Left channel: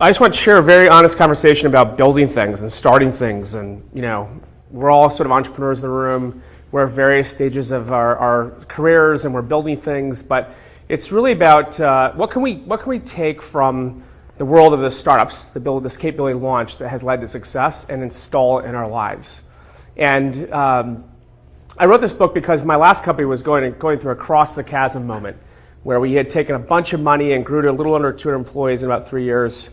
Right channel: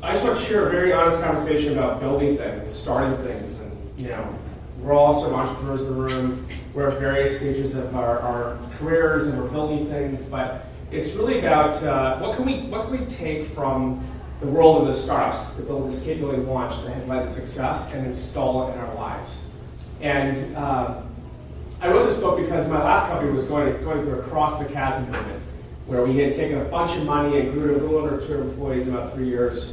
I just want to share a very honest conversation about building things and starting things. And, we're all sort of entrepreneurs in the room. We're at various stages of our careers and we're building things. But it's really about what can we take from the world of the startups, the build of this capability launch that has led to success and install it in our lives. And I wrote this book because my last company was going through a cross the chasm moment where we had taken a bunch of money and grew to a little under 200 employees in about 3 years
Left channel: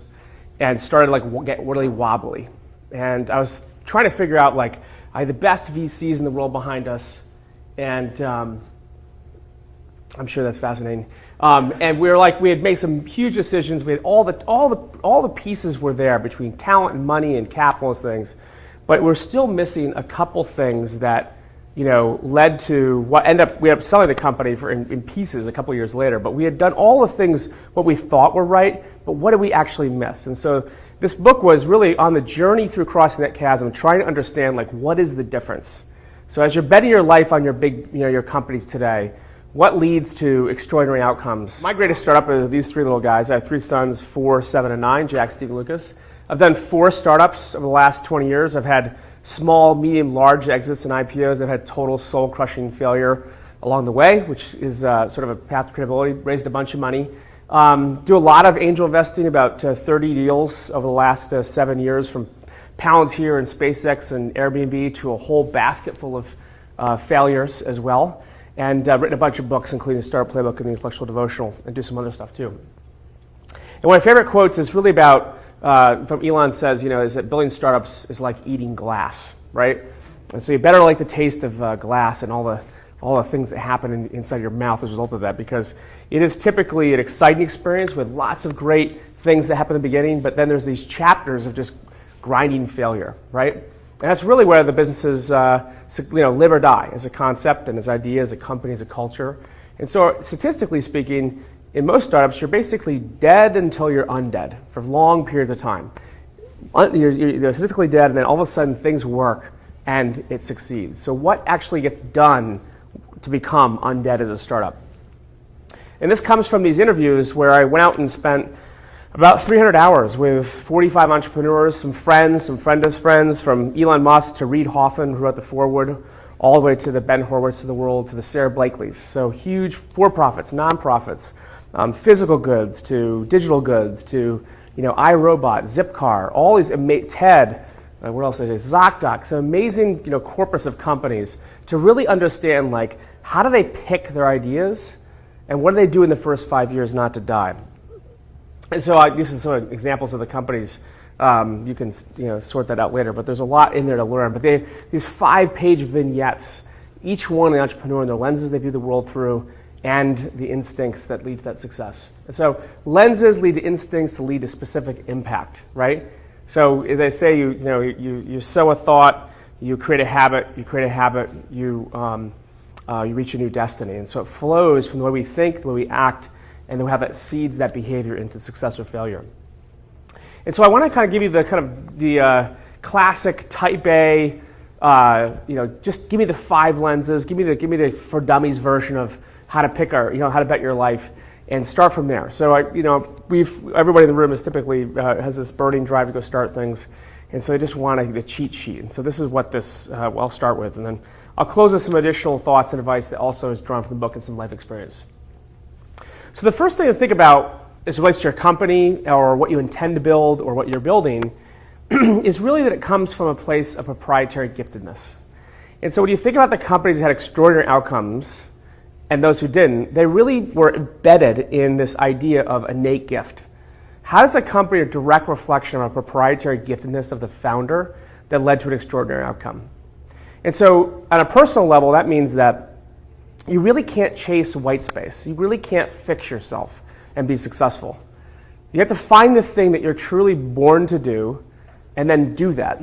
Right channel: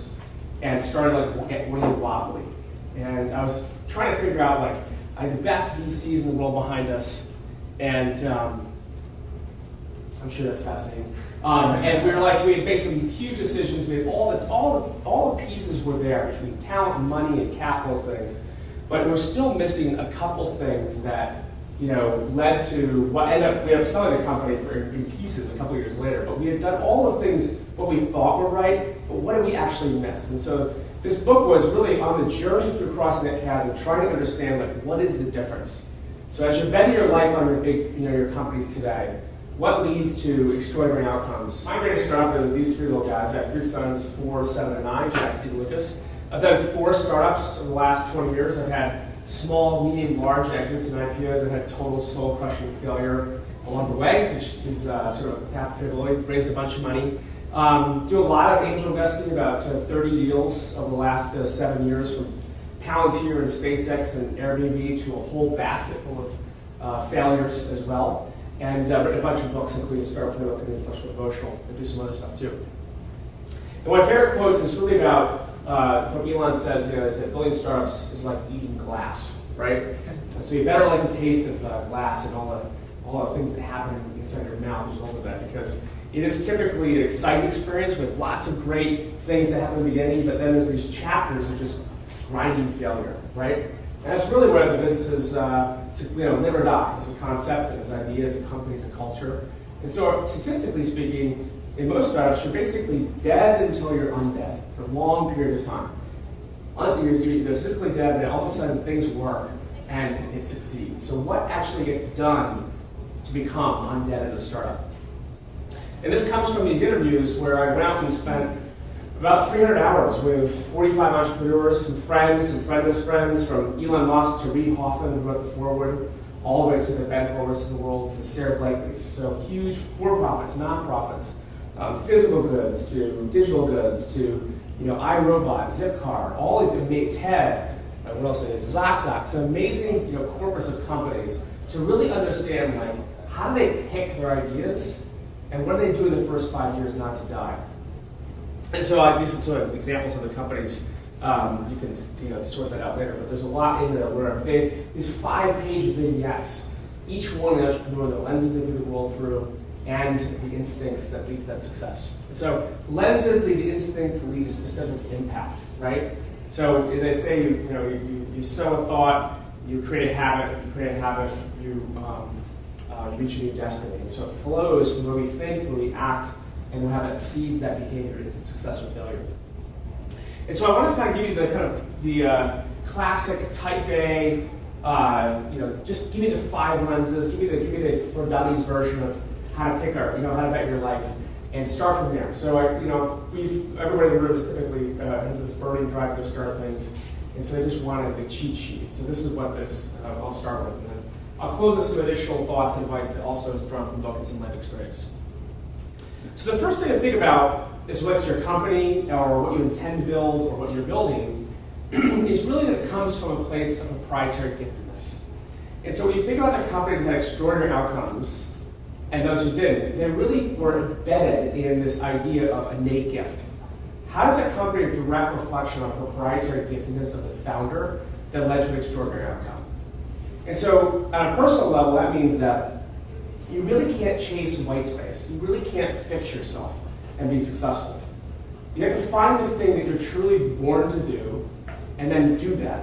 and started getting really wobbly. And I was trying to figure out, I had the best VCs in the world behind us, and I'm sure that's fascinating. And we had made some huge decisions. We had all the pieces were there between talent and money and capital and things, but we're still missing a couple things that led to what we ended up selling the company in pieces a couple years later. But we had done all the things what we thought were right, but what did we actually miss? And so this book was really on the journey through crossing that chasm, trying to understand what is the difference. So as you're betting your life on your big, your companies today, what leads to extraordinary outcomes? My greatest startup are these three little guys. I have 3 sons, 4, 7, and 9, Jack, Steve, and Lucas. I've done 4 startups over the last 20 years. I've had small, medium, large exits and IPOs. I've had total soul-crushing failure along the way, which is sort of a path to credibility. Raised a bunch of money. Do a lot of angel investing, about 30 deals over the last 7 years, from Palantir and SpaceX and Airbnb to a whole basket full of failures as well. And written a bunch of books, including Start Up Playbook and the Intellectual Devotional, and do some other stuff too. And one of my favorite quotes is really about, from Elon says, is that building startups is like eating glass, right? And so you better like the taste of glass and all the things that happen inside your mouth as a result of that, because it is typically an exciting experience with lots of great things that happen in the beginning, but then there's these chapters of just grinding failure, right? And that's really where the businesses live or die, as a concept and as ideas, as a company, as a culture. And so statistically speaking, in most startups, you're basically dead until you're undead for long periods of time. You're statistically dead, and then all of a sudden things work and it succeeds. So what actually gets done to become undead as a startup? And this comes from these interviews where I went out and spent about 300 hours with 45 entrepreneurs, some friends, some friends' friends, from Elon Musk to Reid Hoffman, who wrote the foreword, all the way to the Ben Horowitz of the world, to the Sarah Blakeleys. So huge for-profits, non-profits, physical goods to digital goods to iRobot, Zipcar, all these TED, what else is it? ZocDoc, some amazing corpus of companies to really understand how do they pick their ideas and what do they do in the first 5 years not to die. And so these are some examples of the companies. You can sort that out later, but there's a lot in there to learn. But these 5-page vignettes, each one the entrepreneur and the lenses they view the world through, and the instincts that lead to that success. And so lenses lead to instincts that lead to specific impact, right? So they say you sow a thought, you create a habit, you reach a new destiny. And so it flows from the way we think, the way we act, and then we have that seeds that behavior into success or failure. And so I want to kind of give you the classic type A, just give me the 5 lenses, give me the for dummies version of how to pick how to bet your life, and start from there. So everybody in the room is typically has this burning drive to go start things, and so they just want the cheat sheet. And so this is what I'll start with, and then I'll close with some additional thoughts and advice that also is drawn from the book and some life experience. So the first thing to think about as it relates to your company or what you intend to build or what you're building is really that it comes from a place of proprietary giftedness. And so when you think about the companies that had extraordinary outcomes and those who didn't, they really were embedded in this idea of innate gift. How does a company a direct reflection of a proprietary giftedness of the founder that led to an extraordinary outcome? And so on a personal level, that means that you really can't chase white space. You really can't fix yourself and be successful. You have to find the thing that you're truly born to do and then do that.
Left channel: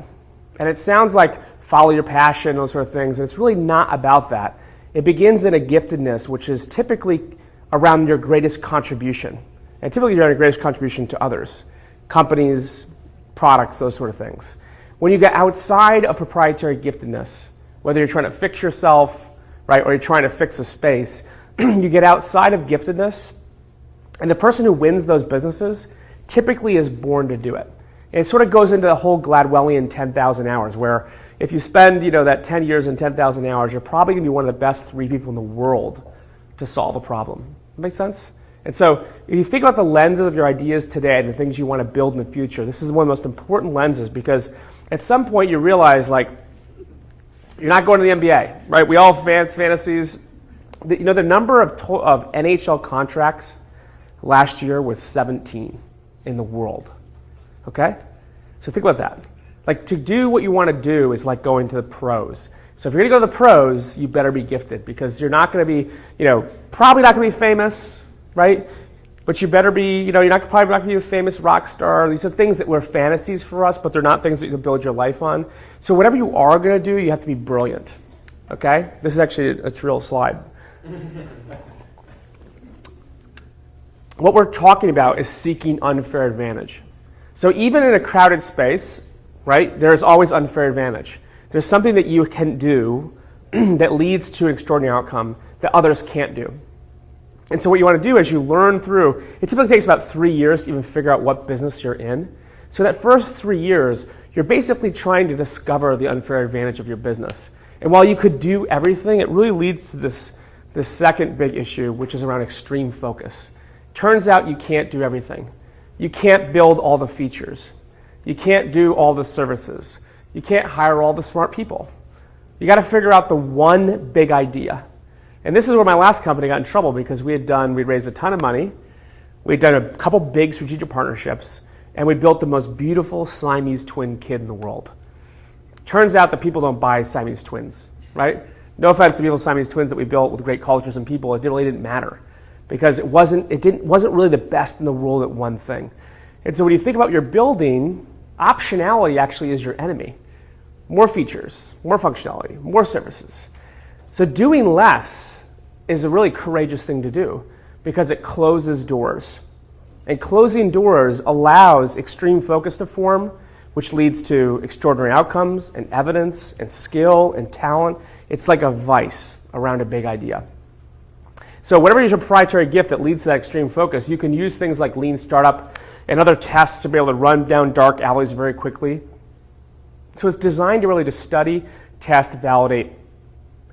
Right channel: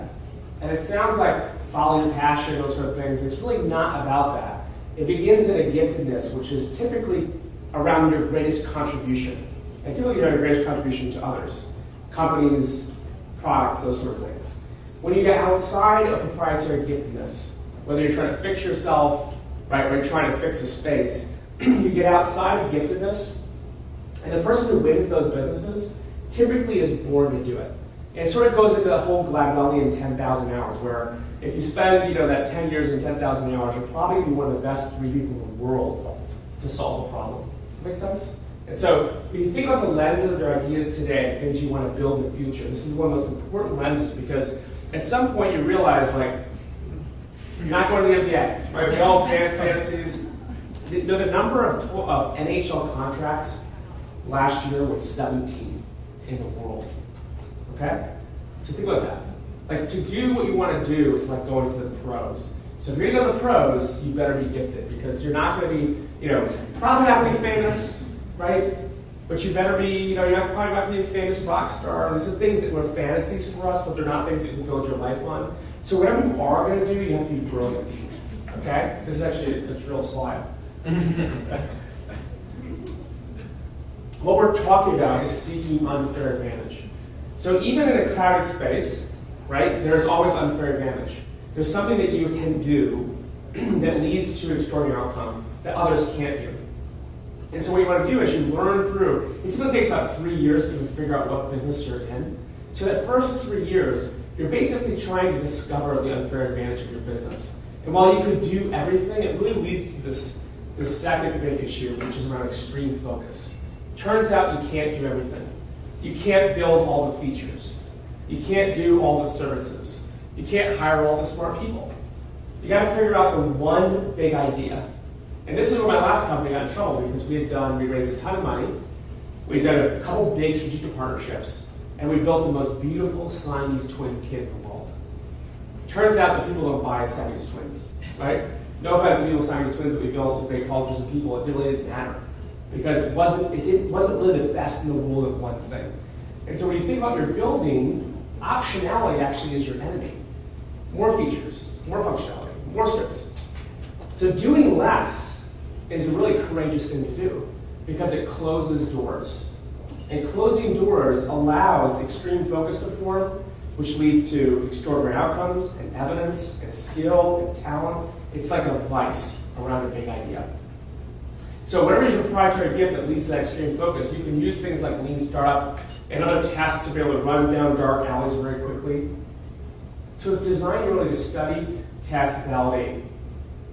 And it sounds like follow your passion, those sort of things. It's really not about that. It begins in a giftedness, which is typically around your greatest contribution. And typically your greatest contribution to others, companies, products, those sort of things. When you get outside of proprietary giftedness, whether you're trying to fix yourself, right, or you're trying to fix a space, you get outside of giftedness, and the person who wins those businesses typically is born to do it. And it sort of goes into the whole Gladwellian 10,000 hours, where if you spend that 10 years and 10,000 hours, you're probably going to be one of the best 3 people in the world to solve a problem. Make sense? And so if you think about the lenses of your ideas today, the things you want to build in the future, this is one of the most important lenses, because at some point you realize, like, you're not going to the NBA, right? We all have fantasies. The number of NHL contracts last year was 17 in the world. Okay? So think about that. Like, to do what you want to do is like going to the pros. So if you're going to go to the pros, you better be gifted, because you're not going to be, probably not going to be famous, right? But you better be, you're probably not going to be a famous rock star. These are things that were fantasies for us, but they're not things that you can build your life on. So whatever you are going to do, you have to be brilliant. Okay? This is actually a real slide. What we're talking about is seeking unfair advantage. So even in a crowded space, right, there's always unfair advantage. There's something that you can do that leads to an extraordinary outcome that others can't do. And so what you want to do is you learn through, it typically takes about 3 years to even figure out what business you're in. So that first 3 years, you're basically trying to discover the unfair advantage of your business. And while you could do everything, it really leads to this second big issue, which is around extreme focus. Turns out you can't do everything. You can't build all the features. You can't do all the services. You can't hire all the smart people. You got to figure out the one big idea. And this is where my last company got in trouble, because we raised a ton of money, we'd done a couple big strategic partnerships, and we built the most beautiful Siamese twin kid in the world. Turns out that people don't buy Siamese twins, right? No offense to people with Siamese twins that we built with great cultures and people, it really didn't matter, because it wasn't really the best in the world at one thing. And so when you think about your building, optionality actually is your enemy. More features, more functionality, more services. So doing less is a really courageous thing to do, because it closes doors. And closing doors allows extreme focus to form, which leads to extraordinary outcomes and evidence and skill and talent. It's like a vice around a big idea. So whatever is your proprietary gift that leads to that extreme focus, you can use things like lean startup and other tests to be able to run down dark alleys very quickly. So it's designed to really to study, test, validate,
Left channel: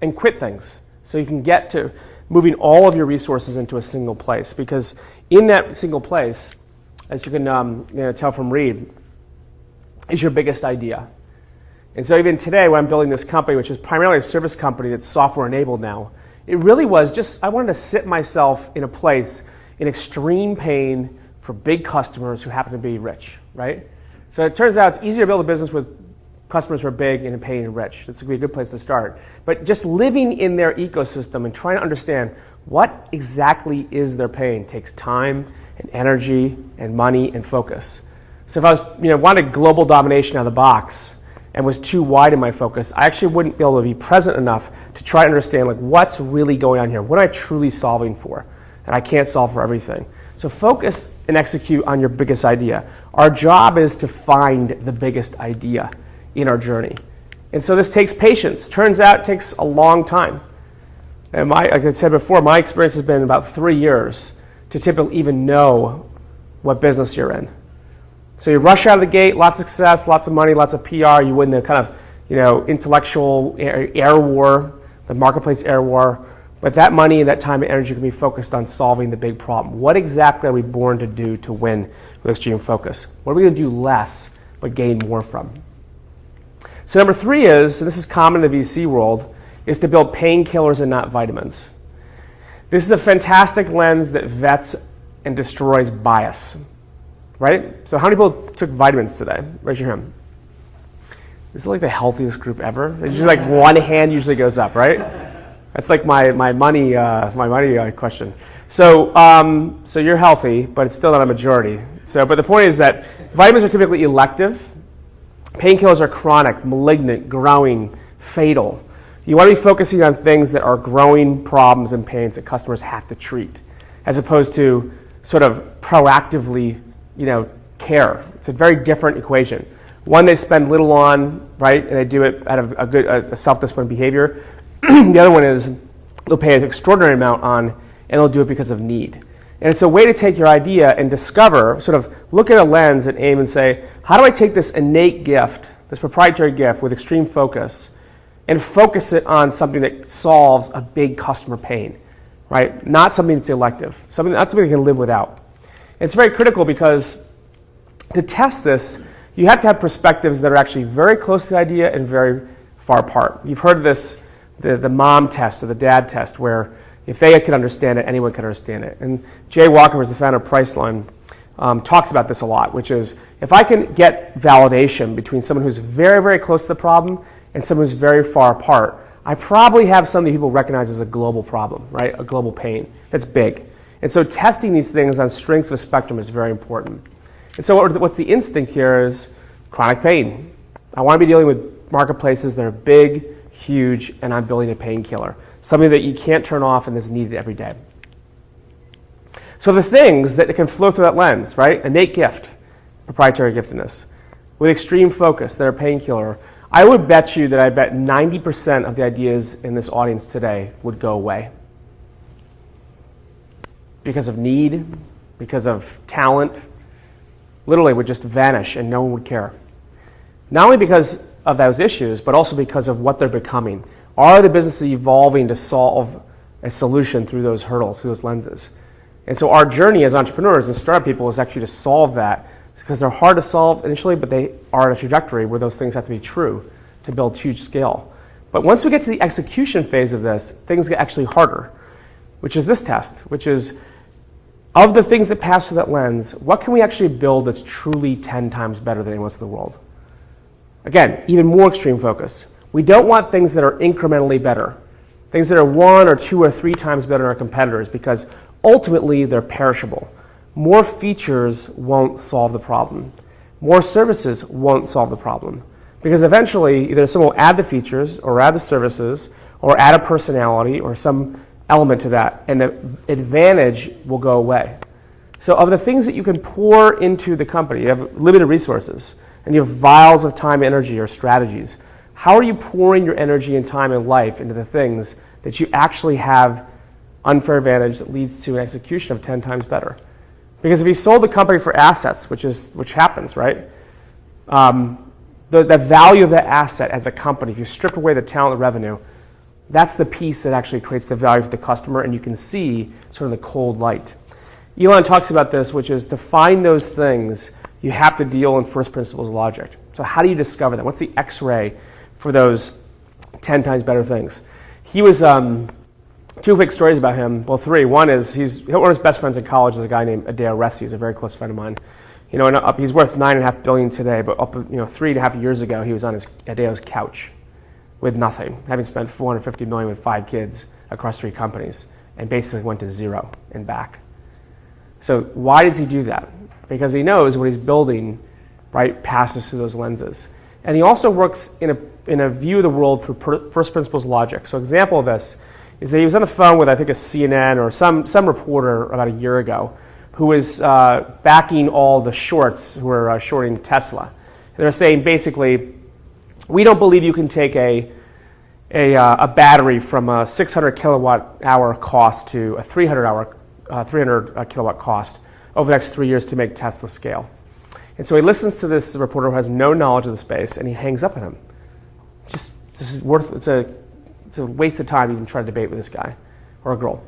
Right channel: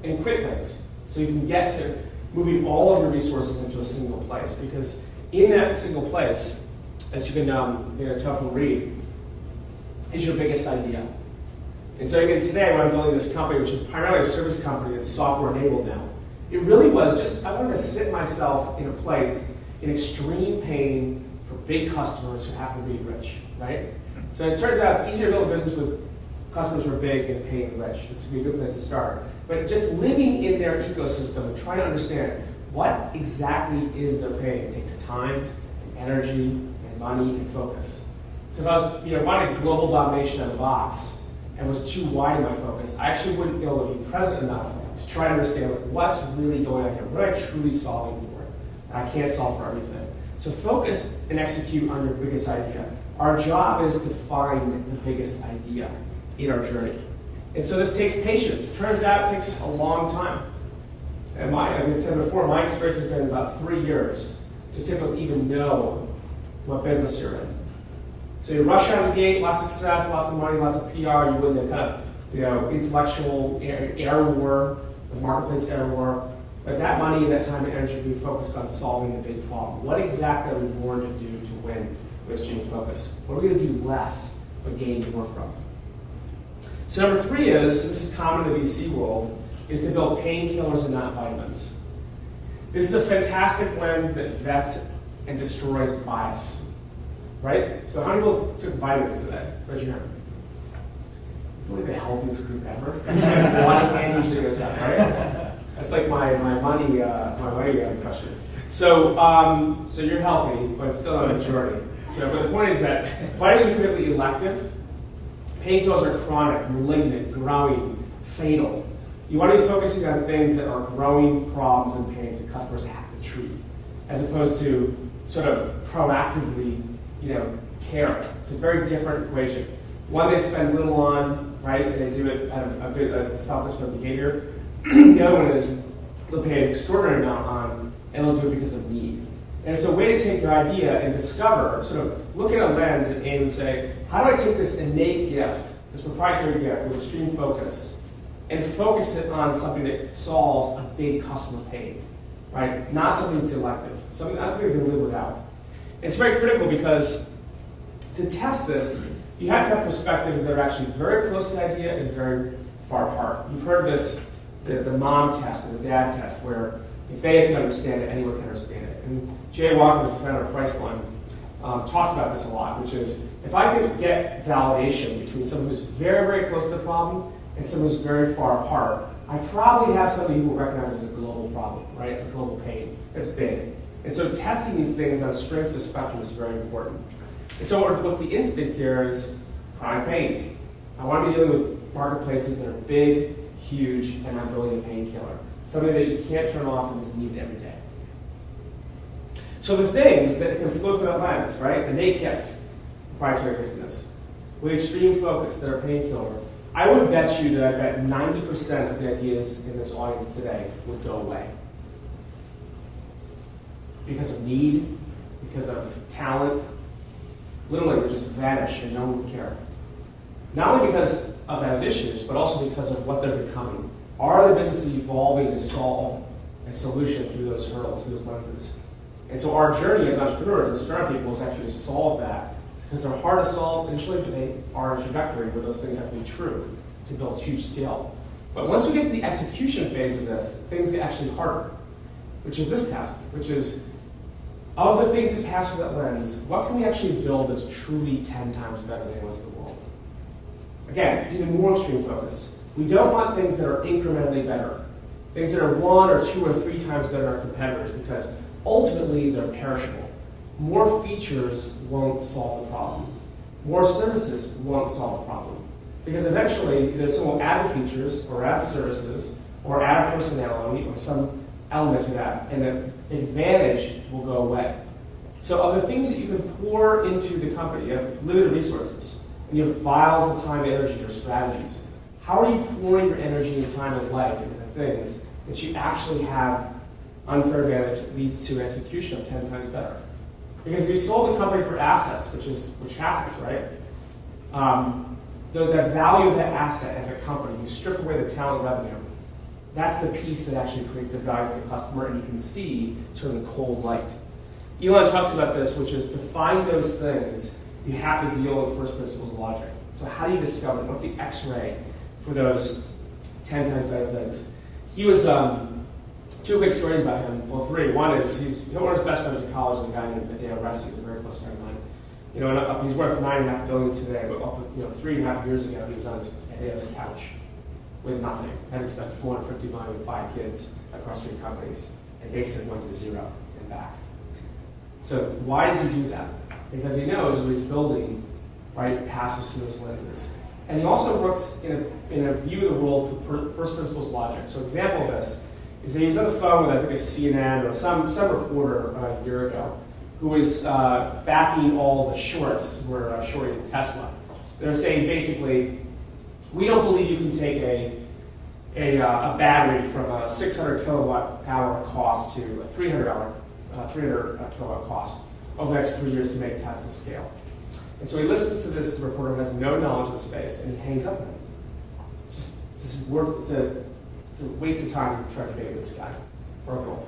and quit things. So you can get to moving all of your resources into a single place, because in that single place, as you can tell from Reed, is your biggest idea. And so even today, when I'm building this company, which is primarily a service company that's software enabled now, it really was just, I wanted to sit myself in a place in extreme pain for big customers who happen to be rich, right? So it turns out it's easier to build a business with customers who are big and in pain and rich. It's going to be a good place to start. But just living in their ecosystem and trying to understand what exactly is their pain takes time and energy and money and focus. So if I was, wanted global domination out of the box and was too wide in my focus, I actually wouldn't be able to be present enough to try to understand what's really going on here. What am I truly solving for? And I can't solve for everything. So focus and execute on your biggest idea. Our job is to find the biggest idea in our journey. And so this takes patience. Turns out it takes a long time. And like I said before, my experience has been about 3 years to typically even know what business you're in. So you rush out of the gate, lots of success, lots of money, lots of PR, you win the kind of intellectual air war, the marketplace air war. But that money and that time and energy can be focused on solving the big problem. What exactly are we born to do to win with extreme focus? What are we going to do less but gain more from? So number 3 is, and this is common in the VC world, is to build painkillers and not vitamins. This is a fantastic lens that vets and destroys bias, right? So how many people took vitamins today? Raise your hand. This is like the healthiest group ever. Usually one hand usually goes up, right? That's like my money question. So so you're healthy, but it's still not a majority. But the point is that vitamins are typically elective. Painkillers are chronic, malignant, growing, fatal. You want to be focusing on things that are growing problems and pains that customers have to treat, as opposed to sort of proactively, care. It's a very different equation. One they spend little on, right, and they do it out of a self-disciplined behavior. The other one is they'll pay an extraordinary amount on, and they'll do it because of need. And it's a way to take your idea and discover, sort of look at a lens and aim and say, how do I take this innate gift, this proprietary gift with extreme focus, and focus it on something that solves a big customer pain, right? Not something that's elective, not something they can live without. And it's very critical because to test this, you have to have perspectives that are actually very close to the idea and very far apart. You've heard this, the mom test or the dad test, where if they could understand it, anyone could understand it. And Jay Walker, who's the founder of Priceline, talks about this a lot, which is if I can get validation between someone who's very, very close to the problem and someone who's very far apart, I probably have something people recognize as a global problem, right? A global pain that's big. And so testing these things on strengths of a spectrum is very important. And so what's the instinct here is chronic pain. I want to be dealing with marketplaces that are big, huge, and I'm building a painkiller. Something that you can't turn off and is needed every day. So the things that can flow through that lens, right? Innate gift, proprietary giftedness, with extreme focus, they're a painkiller. I would bet you that I bet 90% of the ideas in this audience today would go away. Because of need, because of talent, literally would just vanish and no one would care. Not only because of those issues, but also because of what they're becoming. Are the businesses evolving to solve a solution through those hurdles, through those lenses? And so our journey as entrepreneurs and startup people is actually to solve that, because they're hard to solve initially, but they are on a trajectory where those things have to be true to build huge scale. But once we get to the execution phase of this, things get actually harder, which is this test, which is of the things that pass through that lens, what can we actually build that's truly 10 times better than anyone else in the world? Again, even more extreme focus. We don't want things that are incrementally better, things that are 1 or 2 or 3 times better than our competitors, because ultimately they're perishable. More features won't solve the problem. More services won't solve the problem. Because eventually, either someone will add the features, or add the services, or add a personality, or some element to that, and the advantage will go away. So of the things that you can pour into the company, you have limited resources, and you have vials of time, energy, or strategies. How are you pouring your energy and time and life into the things that you actually have unfair advantage that leads to an execution of 10 times better? Because if you sold the company for assets, which happens, right? The value of that asset as a company, if you strip away the talent and revenue, that's the piece that actually creates the value for the customer, and you can see sort of the cold light. Elon talks about this, which is to find those things, you have to deal in first principles logic. So how do you discover that? What's the X-ray for those 10 times better things? He was, 2 quick stories about him, well 3. One is one of his best friends in college is a guy named Adeo Resi. He's a very close friend of mine. You know, and he's worth $9.5 billion today, but 3.5 years ago he was on Adeo's couch with nothing, having spent $450 million with 5 kids across 3 companies, and basically went to 0 and back. So why does he do that? Because he knows what he's building, right, passes through those lenses. And he also works in a view of the world through first principles logic. So example of this is that he was on the phone with, I think, a CNN or some reporter about a year ago who was backing all the shorts who were shorting Tesla. And they're saying basically, we don't believe you can take a battery from a 600 kilowatt hour cost to a 300 kilowatt cost over the next 3 years to make Tesla scale. And so he listens to this reporter who has no knowledge of the space, and he hangs up on him. It's a waste of time even try to debate with this guy or a girl.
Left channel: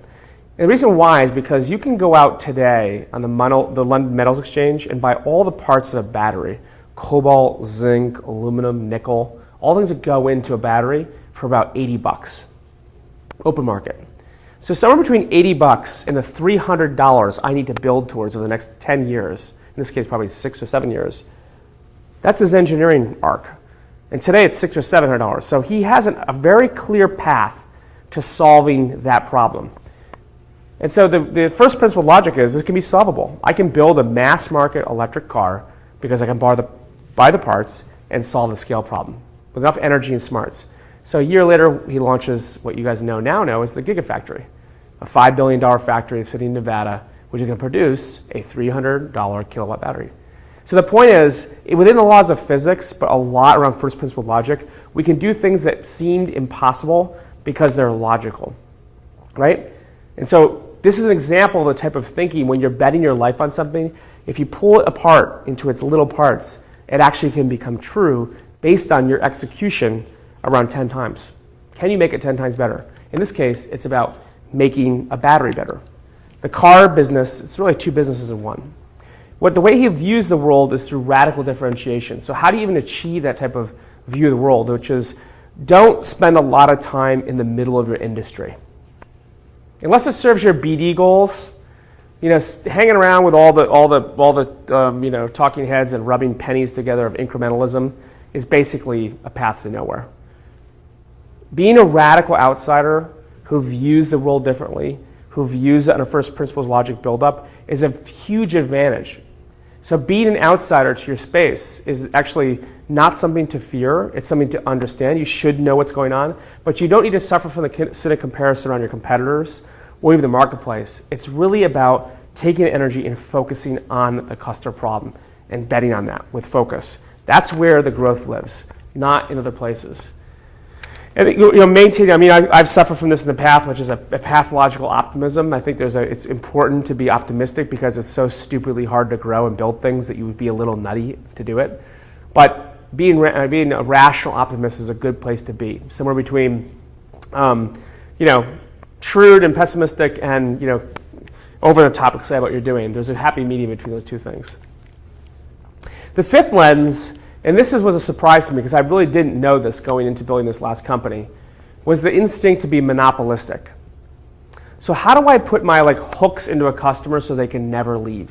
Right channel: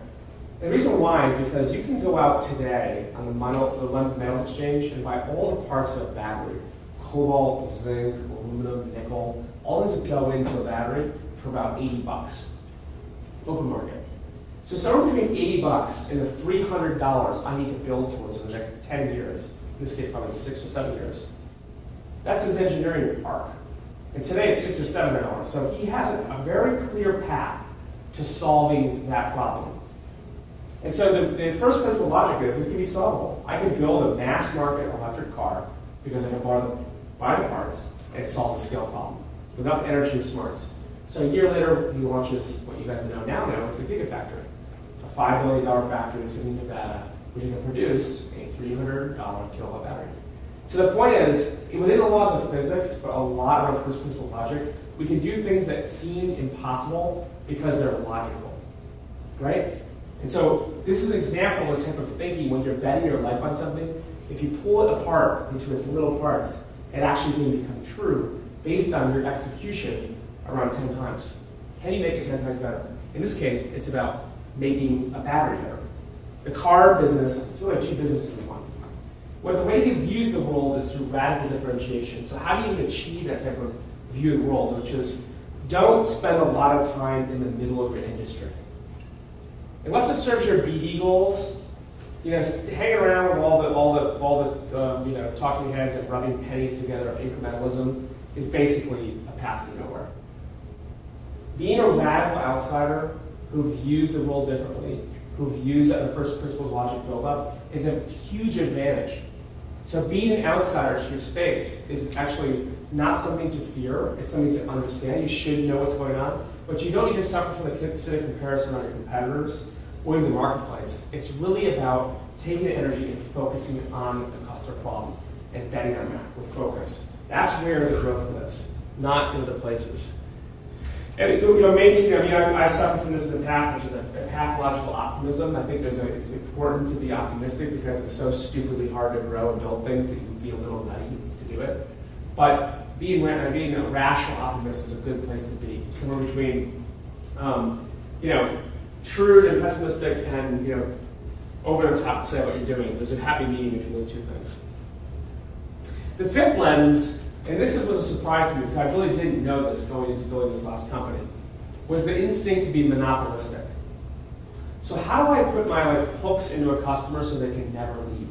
And the reason why is because you can go out today on the London Metals Exchange and buy all the parts of a battery, cobalt, zinc, aluminum, nickel, all things that go into a battery for about $80, open market. So somewhere between $80 and the $300 I need to build towards over the next 10 years, in this case probably 6 or 7 years, that's his engineering arc. And today it's $600 or $700. So he has a very clear path to solving that problem. And so the first principle of logic is it can be solvable. I can build a mass market electric car because I can buy the parts and solve the scale problem with enough energy and smarts. So a year later, he launches what you guys know is the Gigafactory, a $5 billion factory sitting in Nevada, which is going to produce a $300 kilowatt battery. So the point is, within the laws of physics, but a lot around first principle logic, we can do things that seemed impossible because they're logical, right? And so this is an example of the type of thinking when you're betting your life on something. If you pull it apart into its little parts, it actually can become true based on your execution around 10 times. Can you make it 10 times better? In this case, it's about making a battery better. The car business, it's really two businesses in one. The way he views the world is through radical differentiation. So how do you even achieve that type of view of the world, which is don't spend a lot of time in the middle of your industry. Unless it serves your BD goals, hanging around with all the talking heads and rubbing pennies together of incrementalism is basically a path to nowhere. Being a radical outsider who views the world differently, who views it on a first principles logic buildup, is a huge advantage. So being an outsider to your space is actually not something to fear. It's something to understand. You should know what's going on, but you don't need to suffer from the cynic comparison on your competitors or even the marketplace. It's really about taking energy and focusing on the customer problem and betting on that with focus. That's where the growth lives, not in other places. And maintaining. I mean, I've suffered from this in the past, which is a pathological optimism. I think it's important to be optimistic because it's so stupidly hard to grow and build things that you would be a little nutty to do it. But being a rational optimist is a good place to be, somewhere between, shrewd and pessimistic, and over the top excited about what you're doing. There's a happy medium between those two things. The fifth lens. And this was a surprise to me because I really didn't know this going into building this last company, was the instinct to be monopolistic. So how do I put my hooks into a customer so they can never leave?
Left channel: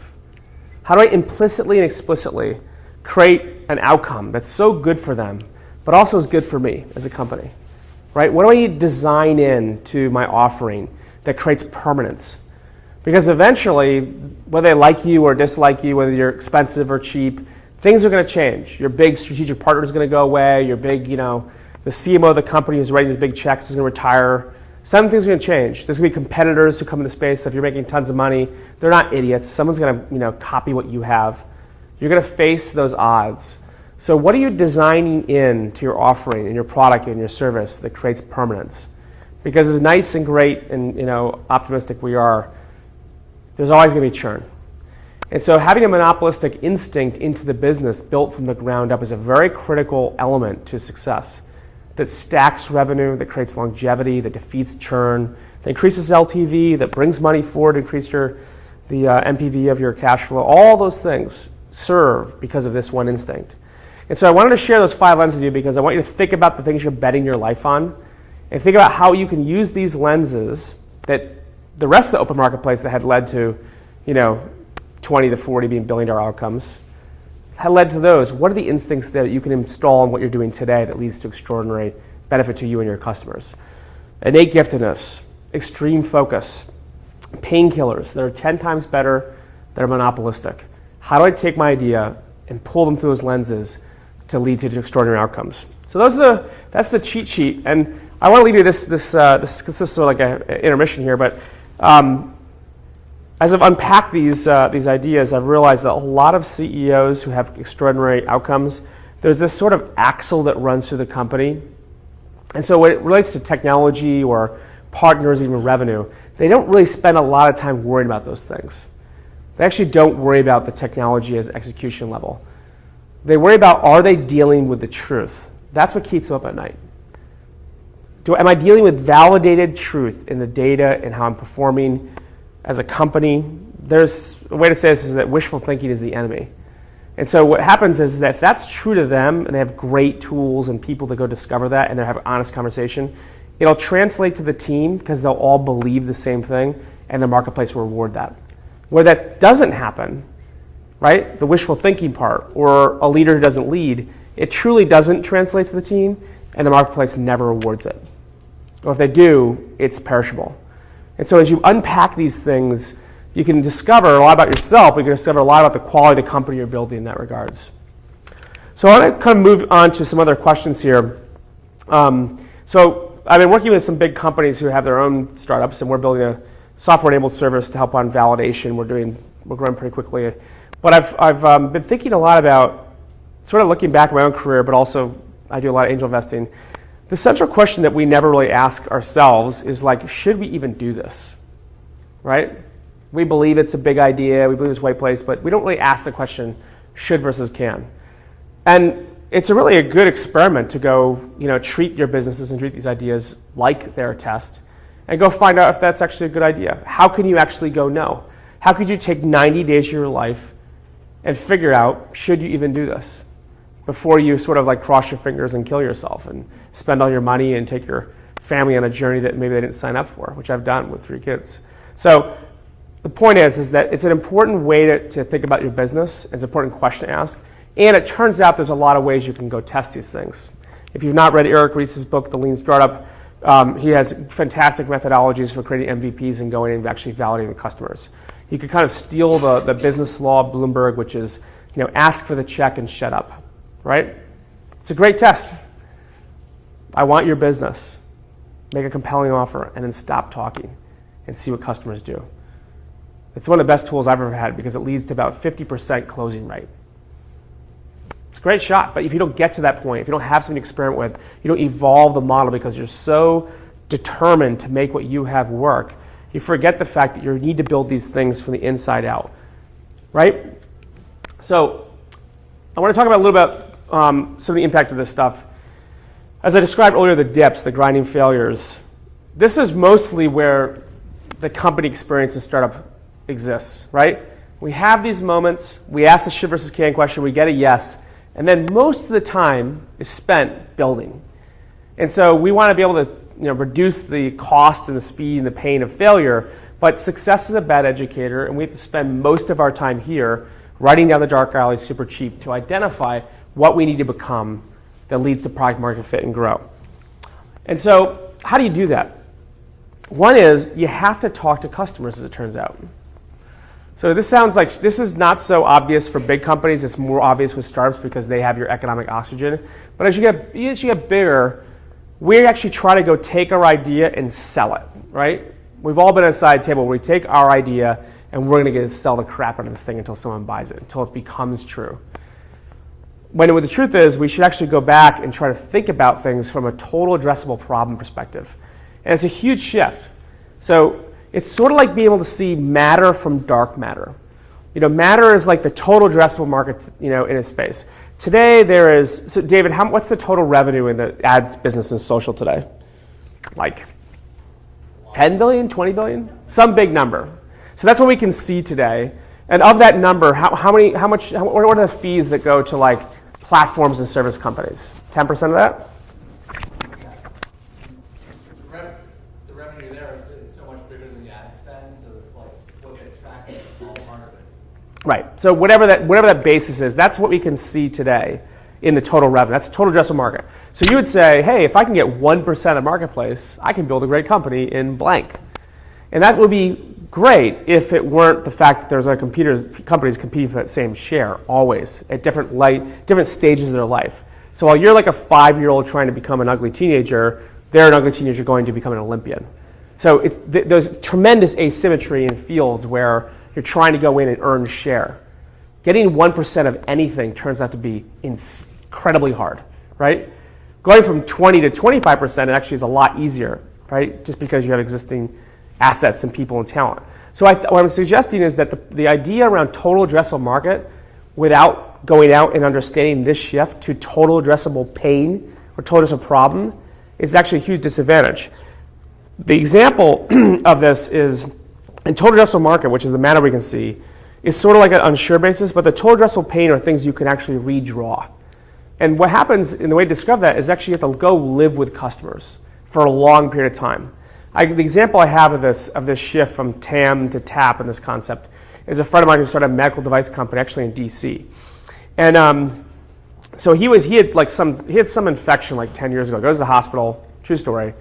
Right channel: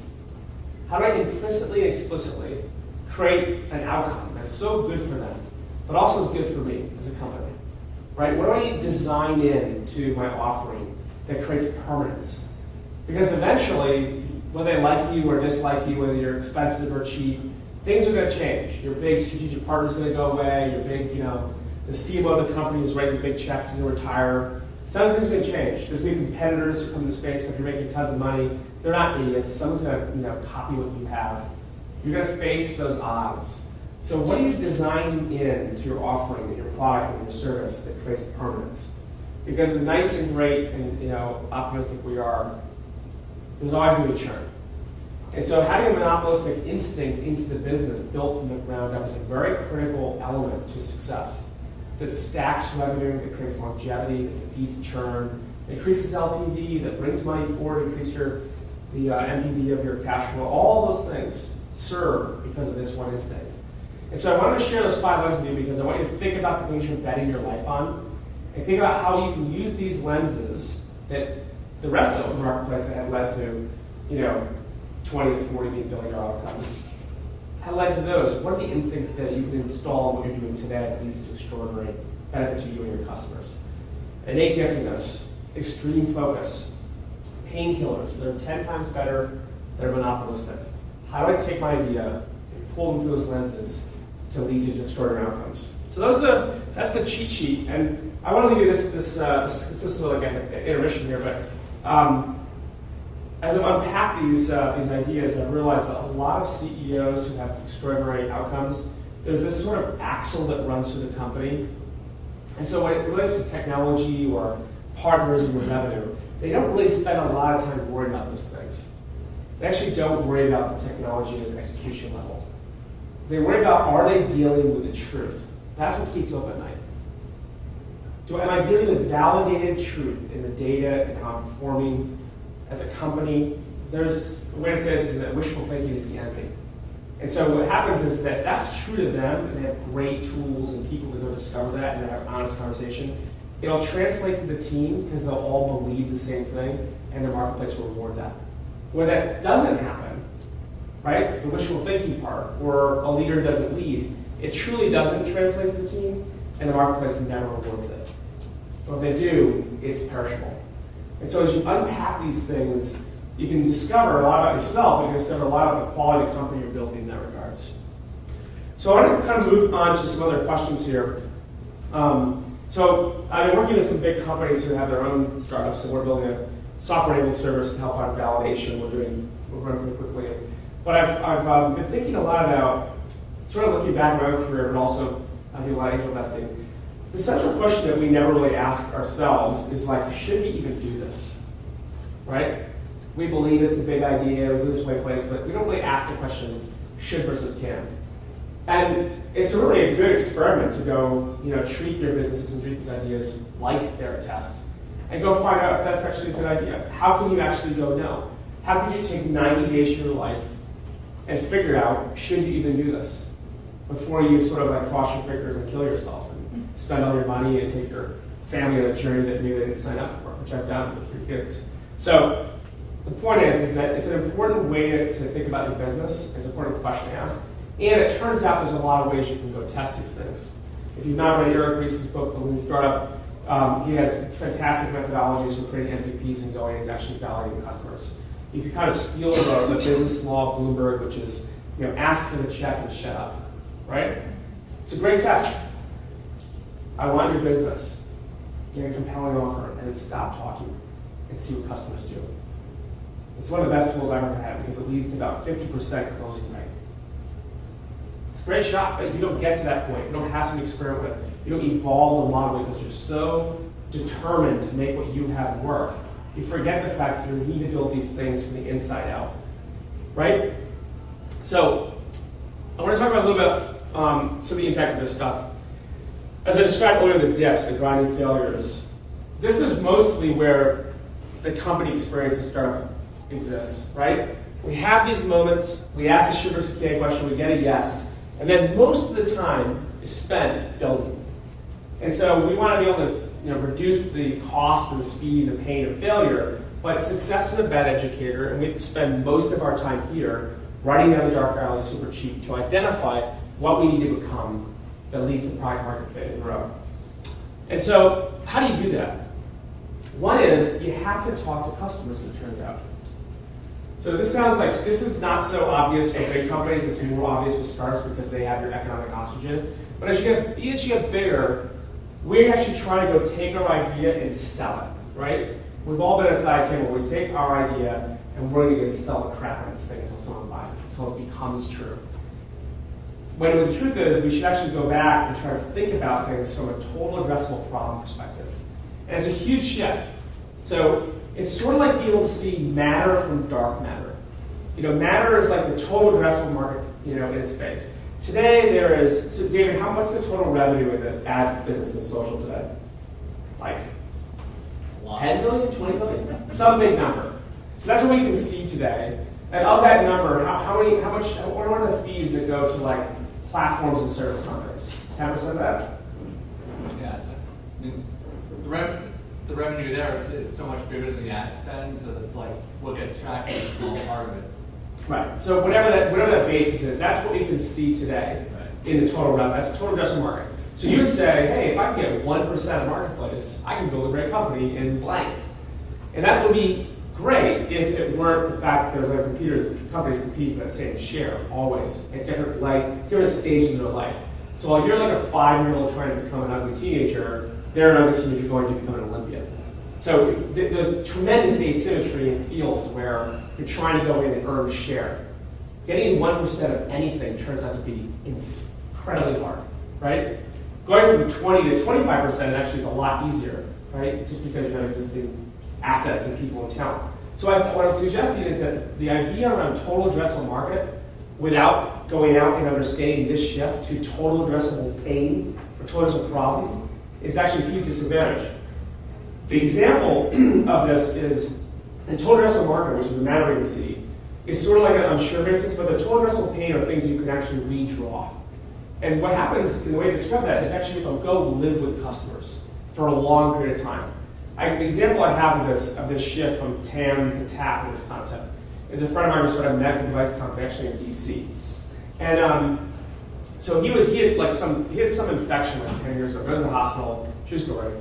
How do I implicitly and explicitly create an outcome that's so good for them, but also is good for me as a company? Right? What do I need to design into my offering that creates permanence? Because eventually, whether they like you or dislike you, whether you're expensive or cheap, things are going to change. Your big strategic partner is going to go away. Your big, the CMO of the company who's writing these big checks is going to retire. Some things are going to change. There's going to be competitors who come into space. If you're making tons of money, they're not idiots. Someone's going to, copy what you have. You're going to face those odds. So what are you designing into your offering and your product and your service that creates permanence? Because as nice and great and optimistic we are, there's always going to be churn. And so having a monopolistic instinct into the business built from the ground up is a very critical element to success that stacks revenue, that creates longevity, that defeats churn, that increases LTV, that brings money forward, increase the NPV of your cash flow. All those things serve because of this one instinct. And so I wanted to share those 5 lenses with you because I want you to think about the things you're betting your life on and think about how you can use these lenses that the rest of the open marketplace that had led to, 20 to 40 being billion-dollar outcomes, had led to those. What are the instincts that you can install in what you're doing today that leads to extraordinary benefit to you and your customers? Innate giftedness, extreme focus, painkillers that are 10 times better, that are monopolistic. How do I take my idea and pull them through those lenses to lead to extraordinary outcomes? So that's the cheat sheet. And I want to leave you this is sort of like an intermission here, but as I've unpacked these ideas, I've realized that a lot of CEOs who have extraordinary outcomes, there's this sort of axle that runs through the company. And so when it relates to technology or partners, even revenue, they don't really spend a lot of time worrying about those things. They actually don't worry about the technology as execution level. They worry about, are they dealing with the truth? That's what keeps them up at night. Am I dealing with validated truth in the data and how I'm performing as a company? There's a way to say this is that wishful thinking is the enemy. And so what happens is that if that's true to them and they have great tools and people to go discover that and they have an honest conversation, it'll translate to the team because they'll all believe the same thing and the marketplace will reward that. Where that doesn't happen, right, the wishful thinking part, or a leader who doesn't lead, it truly doesn't translate to the team and the marketplace never rewards it. Or if they do, it's perishable. And so as you unpack these things, you can discover a lot about yourself, but you can discover a lot about the quality of the company you're building in that regards. So I want to kind of move on to some other questions here. So I've been working with some big companies who have their own startups, and we're building a software-enabled service to help on validation. We're growing pretty quickly. But I've been thinking a lot about sort of looking back at my own career, but also I do a lot of angel investing. The central question that we never really ask ourselves is like, should we even do this? right? We believe it's a big idea, we believe it's a right place, but we don't really ask the question, should versus can. And it's really a good experiment to go, treat your businesses and treat these ideas like they're a test, and go find out if that's actually a good idea. How can you actually go no? How could you take 90 days of your life and figure out, should you even do this? Before you sort of like cross your fingers and kill yourself and spend all your money and take your family on a journey that maybe they didn't sign up for, which I've done with 3 kids. So the point is that it's an important way to think about your business. It's an important question to ask. And it turns out there's a lot of ways you can go test these things. If you've not read Eric Ries's book, The Lean Startup, he has fantastic methodologies for creating MVPs and going and actually validating the customers. You could kind of steal the business law of Bloomberg, which is, ask for the check and shut up, right? It's a great test. I want your business. Make a compelling offer and then stop talking and see what customers do. It's one of the best tools I've ever had because it leads to about 50% closing rate. It's a great shot, but if you don't get to that point, if you don't have something to experiment with, you don't evolve the model because you're so determined to make what you have work, you forget the fact that you need to build these things from the inside out, right? So I want to talk about a little bit some of the impact of this stuff. As I described earlier, the dips, the grinding failures, this is mostly where the company experience in startup exists, right? We have these moments, we ask the should versus can question, we get a yes, and then most of the time is spent building. And so we want to be able to reduce the cost and the speed and the pain of failure, but success is a bad educator, and we have to spend most of our time here writing down the dark alley super cheap to identify what we need to become that leads to product market fit and grow. And so how do you do that? One is you have to talk to customers, as it turns out. So this sounds like, this is not so obvious for big companies, it's more obvious with startups because they have your economic oxygen. But as you get bigger, we actually try to go take our idea and sell it, right? We've all been at a side table where we take our idea and we're going to sell the crap out of this thing until someone buys it, until it becomes true. When the truth is, we should actually go back and try to think about things from a total addressable problem perspective. And it's a huge shift. So it's sort of like being able to see matter from dark matter. Matter is like the total addressable market, in a space. Today there is, so David, what's the total revenue in the ad business and social today? Like 10 billion, 20 billion? Some big number. So that's what we can see today. And of that number, what are the fees that go to like platforms and service companies? 10% of that? Yeah. The revenue there is so much bigger than the ad spend, so it's like what gets tracked is a small part of it. Right. So whatever that basis is, that's what we can see today in the total revenue. That's the total addressable market. So you would say, hey, if I can get 1% of marketplace, I can build a great company in blank. And that would be great if it weren't the fact that there's companies competing for that same share always at different stages of their life. So while you're like a 5-year-old trying to become an ugly teenager, they're an ugly teenager going to become an Olympian. So there's tremendous asymmetry in fields where you're trying to go in and earn share. Getting 1% of anything turns out to be incredibly hard, right? Going from 20 to 25% actually is a lot easier, right? Just because you have existing assets and people and talent. So what I'm suggesting is that the idea around total addressable market without going out and understanding this shift to total addressable pain or total addressable problem is actually a huge disadvantage. The example of this is in total addressable market, which is the matter we can see, is sort of like an unsure basis, but the total addressable pain are things you can actually redraw. And what happens in the way to describe that is actually you have to go live with customers for a long period of time. The example I have of this shift from TAM to TAP in this concept is a friend of mine who started a medical device company actually in DC. And so he had some infection like 10 years ago, goes to the hospital, true story,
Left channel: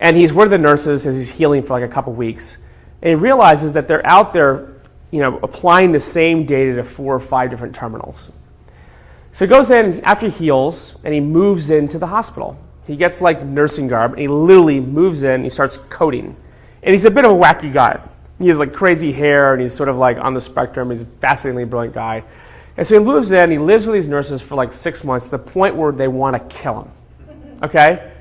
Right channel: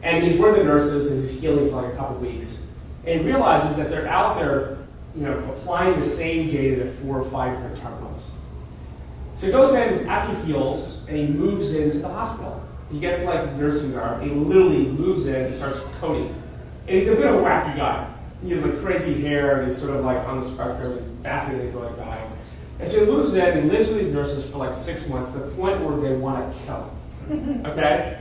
and he's one of the nurses as he's healing for like a couple weeks. And he realizes that they're out there, applying the same data to 4 or 5 different terminals. So he goes in after he heals and he moves into the hospital. He gets like nursing garb and he literally moves in and he starts coding. And he's a bit of a wacky guy. He has like crazy hair and he's sort of like on the spectrum. He's a fascinatingly brilliant guy. And so he moves in, he lives with these nurses for like 6 months to the point where they want to kill him. Okay?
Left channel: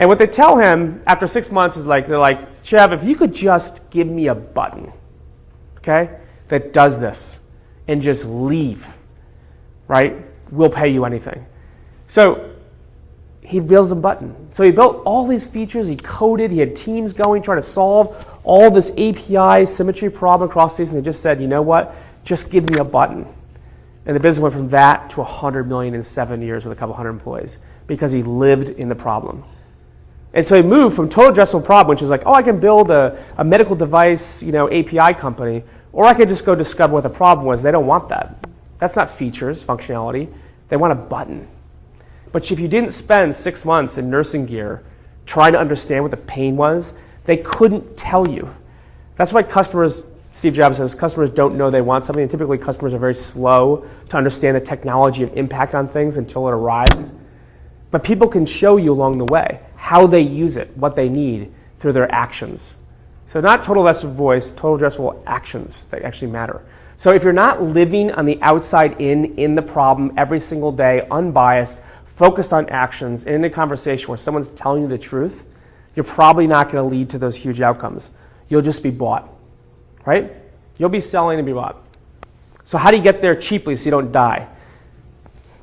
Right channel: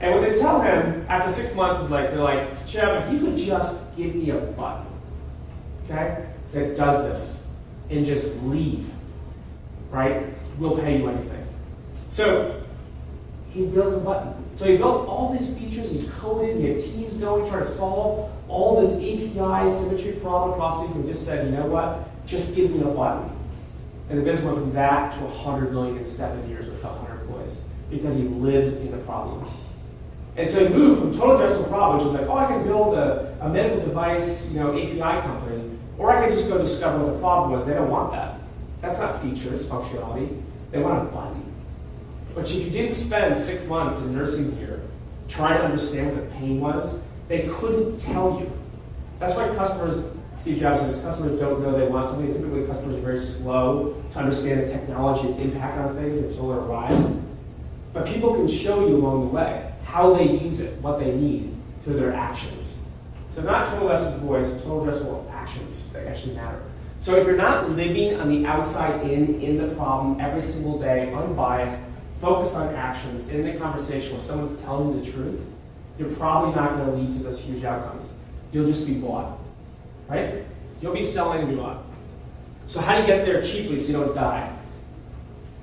And what they tell him after 6 months is they're like, Chev, if you could just give me a button, okay, that does this and just leave, right, we'll pay you anything. So he builds a button. So he built all these features, he coded, he had teams going, trying to solve all this API symmetry problem across these, and he just said, you know what, just give me a button. And the business went from that to $100 million in 7 years with a couple hundred employees because he lived in the problem. And so he moved from total addressable problem, which is like, oh, I can build a medical device, API company, or I could just go discover what the problem was. They don't want that. That's not features, functionality. They want a button. But if you didn't spend 6 months in nursing gear trying to understand what the pain was, they couldn't tell you. That's why customers, Steve Jobs says, customers don't know they want something. And typically customers are very slow to understand the technology and impact on things until it arrives. But people can show you along the way how they use it, what they need through their actions. So not total addressable voice, total addressable actions that actually matter. So if you're not living on the outside in the problem every single day, unbiased, focused on actions, in a conversation where someone's telling you the truth, you're probably not going to lead to those huge outcomes. You'll just be bought, right? You'll be selling and be bought. So how do you get there cheaply so you don't die?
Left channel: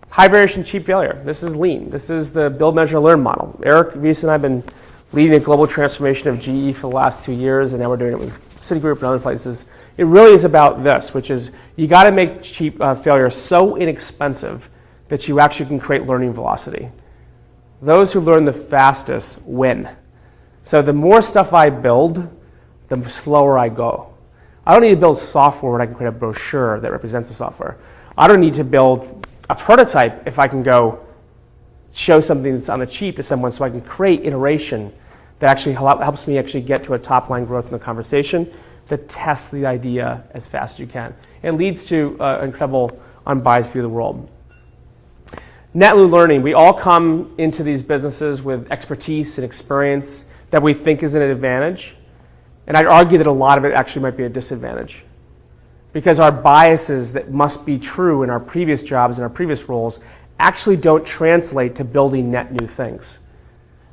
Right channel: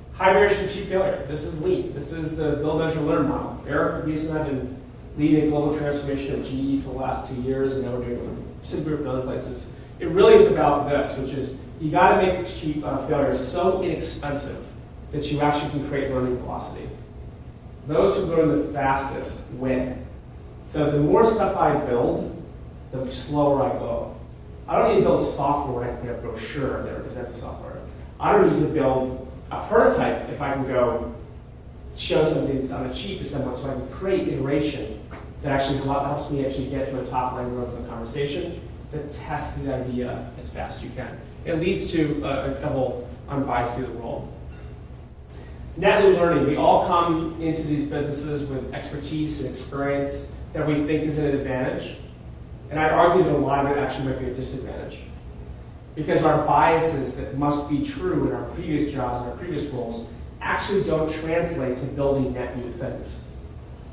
High variation, cheap failure. This is lean. This is the build, measure, learn model. Eric Wiese and I have been leading a global transformation of GE for the last 2 years, and now we're doing it with Citigroup and other places. It really is about this, which is you got to make cheap failure so inexpensive that you actually can create learning velocity. Those who learn the fastest win. So the more stuff I build, the slower I go. I don't need to build software where I can create a brochure that represents the software. I don't need to build a prototype if I can go show something that's on the cheap to someone so I can create iteration that actually helps me actually get to a top line growth in the conversation that tests the idea as fast as you can. It leads to an incredible unbiased view of the world. Net new learning. We all come into these businesses with expertise and experience that we think is an advantage. And I'd argue that a lot of it actually might be a disadvantage. Because our biases that must be true in our previous jobs and our previous roles actually don't translate to building net new things.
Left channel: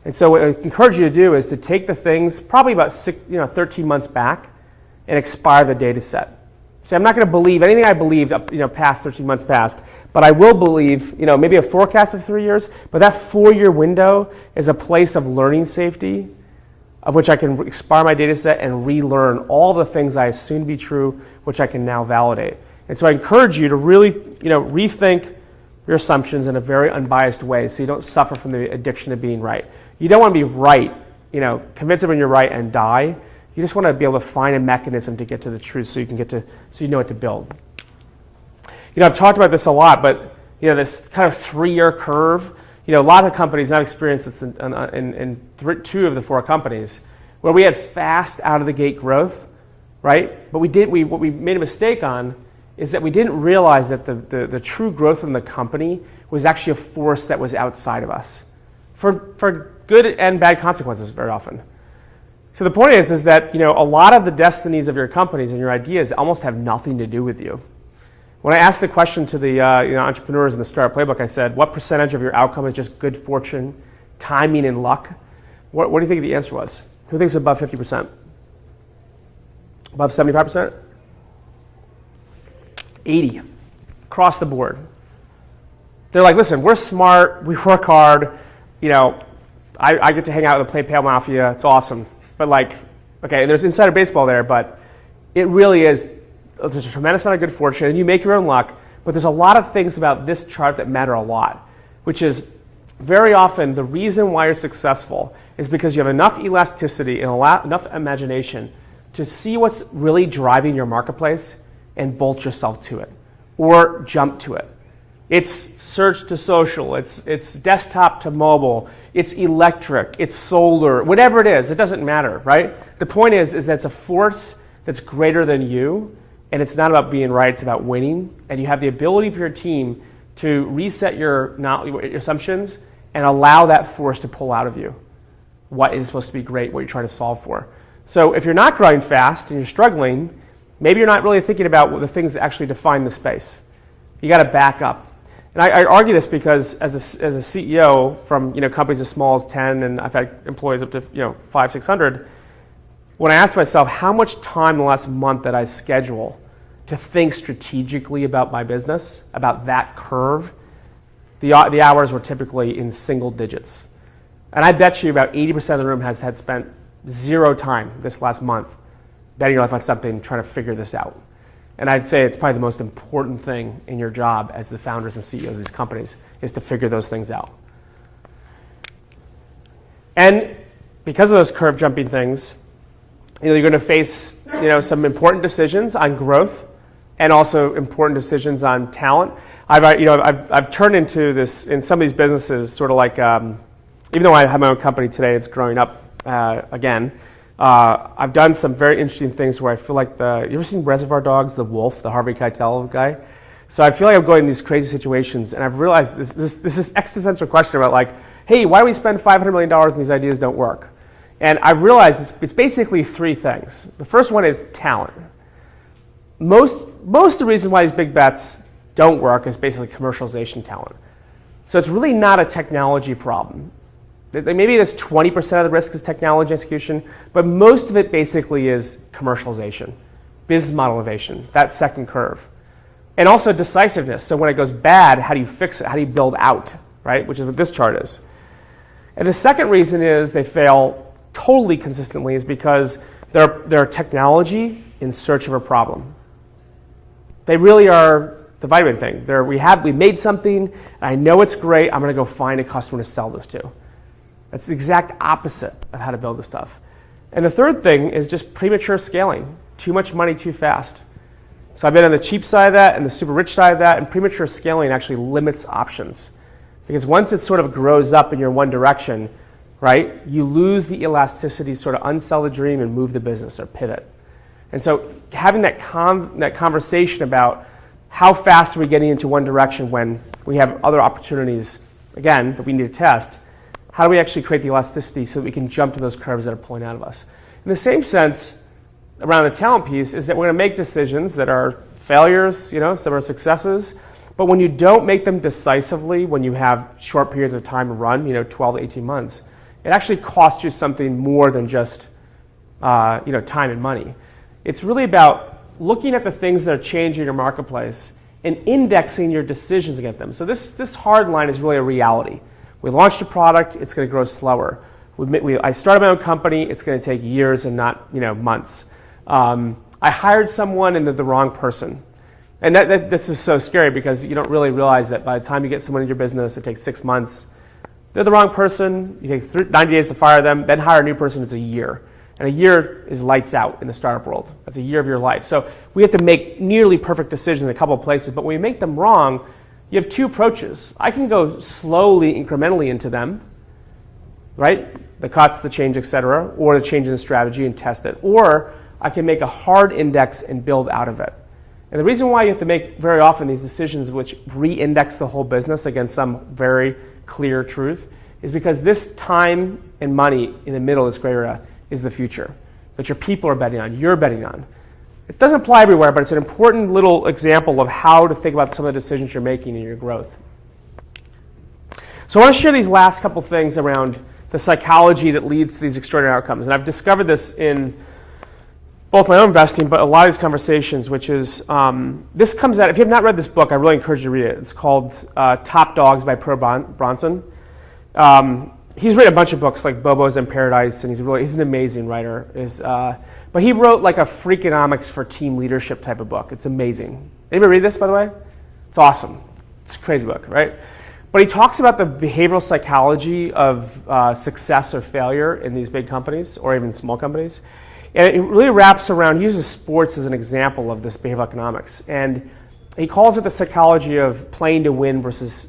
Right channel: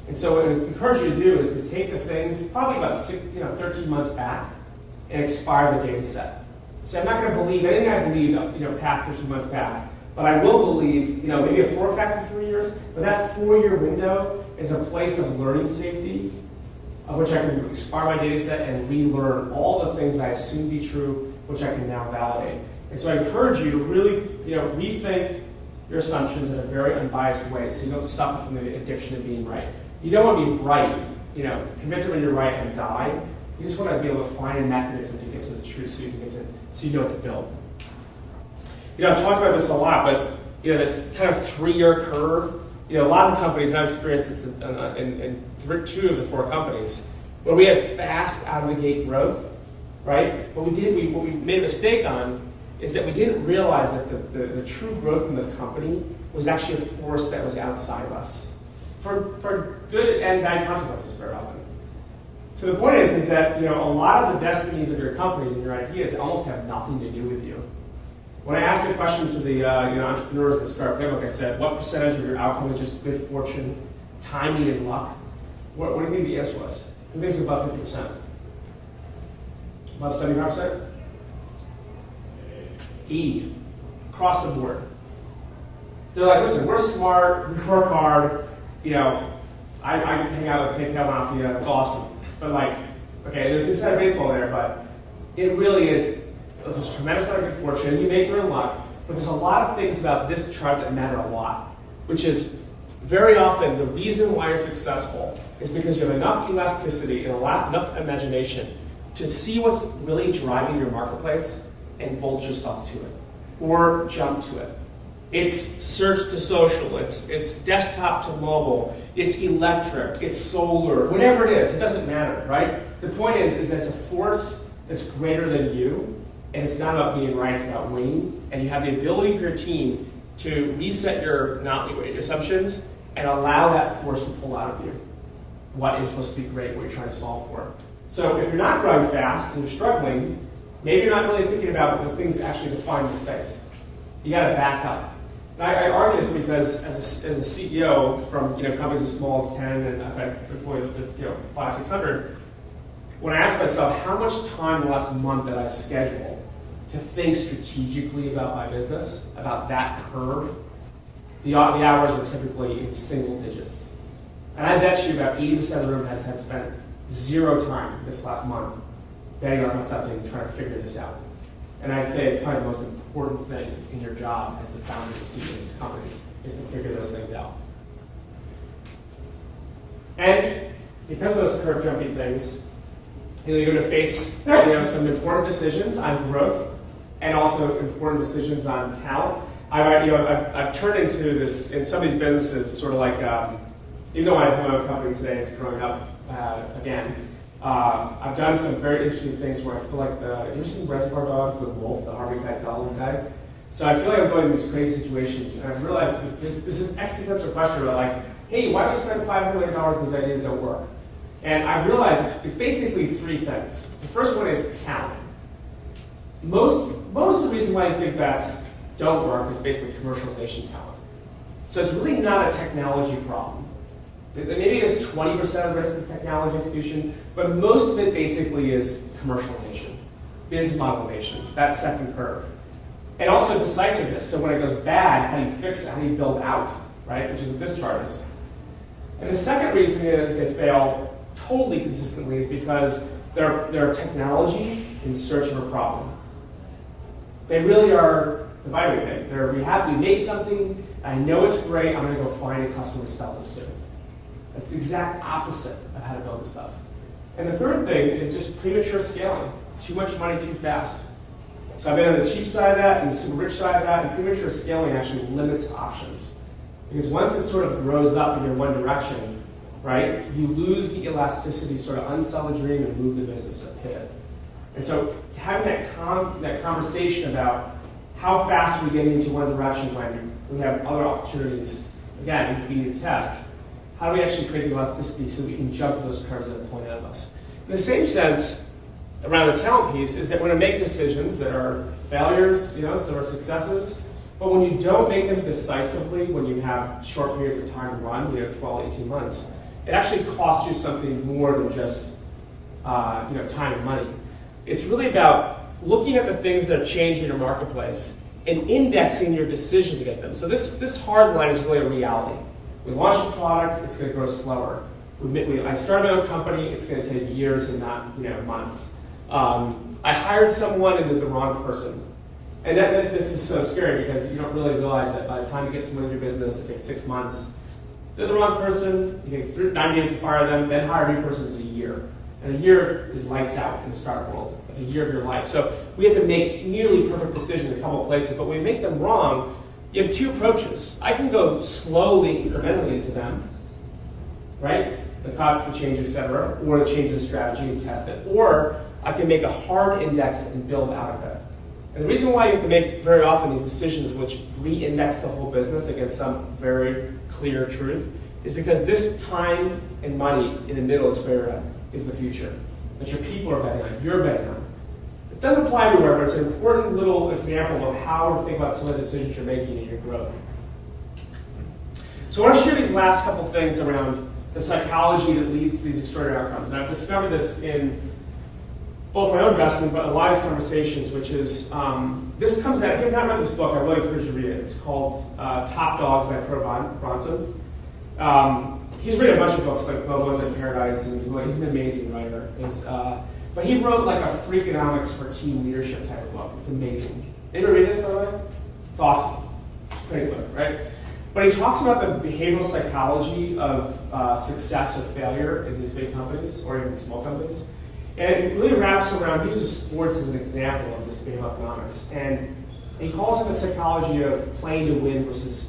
And so what I encourage you to do is to take the things probably about 13 months back and expire the data set. See, I'm not going to believe anything I believed past 13 months past, but I will believe maybe a forecast of 3 years, but that 4-year window is a place of learning safety of which I can expire my data set and relearn all the things I assume to be true, which I can now validate. And so I encourage you to really rethink your assumptions in a very unbiased way so you don't suffer from the addiction to being right. You don't want to be right, convince when you're right and die. You just want to be able to find a mechanism to get to the truth so you know what to build. I've talked about this a lot, but this kind of 3-year curve, a lot of companies, I've experienced this in 2 of the 4 companies, where we had fast out of the gate growth, right? But what we made a mistake on is that we didn't realize that the true growth in the company was actually a force that was outside of us for good and bad consequences very often. So the point is that a lot of the destinies of your companies and your ideas almost have nothing to do with you. When I asked the question to the entrepreneurs in the Start Up Playbook, I said, what percentage of your outcome is just good fortune, timing, and luck? What do you think the answer was? Who thinks above 50%? Above 75%? 80%. Across the board. They're like, listen, we're smart, we work hard, I get to hang out with the PayPal Mafia, it's awesome. But okay, there's insider baseball there, but it really is, there's a tremendous amount of good fortune, and you make your own luck, but there's a lot of things about this chart that matter a lot, which is very often the reason why you're successful is because you have enough elasticity and enough imagination to see what's really driving your marketplace and bolt yourself to it, or jump to it. It's search to social, it's desktop to mobile, it's electric, it's solar, whatever it is, it doesn't matter, right? The point is that it's a force that's greater than you, and it's not about being right, it's about winning, and you have the ability for your team to reset your assumptions and allow that force to pull out of you what is supposed to be great, what you're trying to solve for. So if you're not growing fast and you're struggling, maybe you're not really thinking about the things that actually define the space. You got to back up. And I argue this because as a CEO from companies as small as 10, and I've had employees up to 500, 600, when I ask myself how much time in the last month that I schedule to think strategically about my business, about that curve, the hours were typically in single digits. And I bet you about 80% of the room has had spent zero time this last month betting your life on something, trying to figure this out. And I'd say it's probably the most important thing in your job as the founders and CEOs of these companies is to figure those things out. And because of those curve jumping things, you're going to face some important decisions on growth and also important decisions on talent. I've turned into this in some of these businesses sort of like even though I have my own company today, it's growing up again. I've done some very interesting things where I feel like you ever seen Reservoir Dogs, the wolf, the Harvey Keitel guy? So I feel like I'm going in these crazy situations, and I've realized this is existential question about like, hey, why do we spend $500 million and these ideas don't work? And I've realized it's basically three things. The first one is talent. Most of the reason why these big bets don't work is basically commercialization talent. So it's really not a technology problem. Maybe there's 20% of the risk is technology execution, but most of it basically is commercialization, business model innovation, that second curve. And also decisiveness. So when it goes bad, how do you fix it? How do you build out, right? Which is what this chart is. And the second reason is they fail totally consistently is because they're technology in search of a problem. They really are the vitamin thing. We made something, I know it's great, I'm going to go find a customer to sell this to. That's the exact opposite of how to build this stuff. And the third thing is just premature scaling. Too much money too fast. So I've been on the cheap side of that and the super rich side of that, and premature scaling actually limits options. Because once it sort of grows up in your one direction, right, you lose the elasticity to sort of unsell the dream and move the business or pivot. And so having that conversation about how fast are we getting into one direction when we have other opportunities, again, that we need to test, how do we actually create the elasticity so that we can jump to those curves that are pulling out of us? In the same sense, around the talent piece, is that we're going to make decisions that are failures, some are successes, but when you don't make them decisively, when you have short periods of time to run, 12 to 18 months, it actually costs you something more than just time and money. It's really about looking at the things that are changing in your marketplace and indexing your decisions against them. So this hard line is really a reality. We launched a product, it's going to grow slower. I started my own company, it's going to take years and not months. I hired someone and they're the wrong person. And that's just so scary because you don't really realize that by the time you get someone in your business, it takes 6 months. They're the wrong person, you take 90 days to fire them, then hire a new person, it's a year. And a year is lights out in the startup world. That's a year of your life. So we have to make nearly perfect decisions in a couple of places, but when we make them wrong, you have two approaches. I can go slowly, incrementally into them, right? The cuts, the change, et cetera, or the change in strategy and test it. Or I can make a hard index and build out of it. And the reason why you have to make very often these decisions which re-index the whole business against some very clear truth is because this time and money in the middle of this gray area is the future that your people are betting on, you're betting on. It doesn't apply everywhere, but it's an important little example of how to think about some of the decisions you're making in your growth. So I want to share these last couple things around the psychology that leads to these extraordinary outcomes. And I've discovered this in both my own investing, but a lot of these conversations, which is, this comes out, if you have not read this book, I really encourage you to read it. It's called Top Dogs by Per Bronson. He's written a bunch of books like Bobo's in Paradise, and he's an amazing writer. But he wrote like a Freakonomics for team leadership type of book. It's amazing. Anybody read this, by the way? It's awesome. It's a crazy book, right? But he talks about the behavioral psychology of success or failure in these big companies or even small companies. And it really wraps around, he uses sports as an example of this behavioral economics. And he calls it the psychology of playing to win versus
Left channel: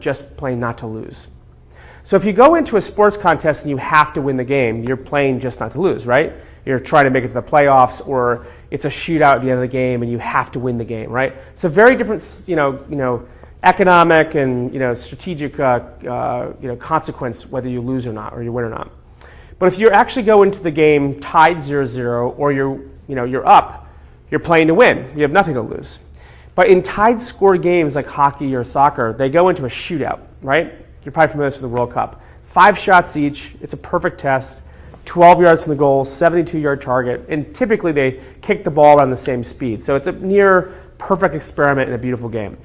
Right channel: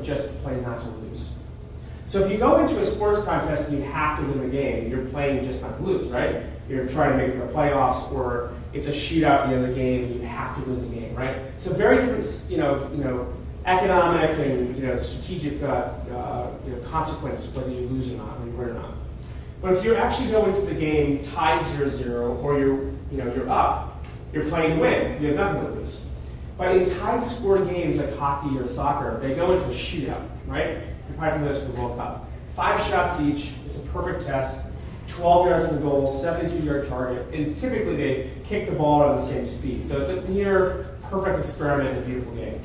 just playing not to lose. So if you go into a sports contest and you have to win the game, you're playing just not to lose, right? You're trying to make it to the playoffs, or it's a shootout at the end of the game and you have to win the game, right? So very different, economic and strategic consequence whether you lose or not, or you win or not. But if you actually go into the game tied 0-0, or you're up, you're playing to win. You have nothing to lose. But in tied score games like hockey or soccer, they go into a shootout, right? You're probably familiar with the World Cup. 5 shots each. It's a perfect test. 12 yards from the goal, 72-yard target, and typically they kick the ball around the same speed. So it's a near perfect experiment in a beautiful game.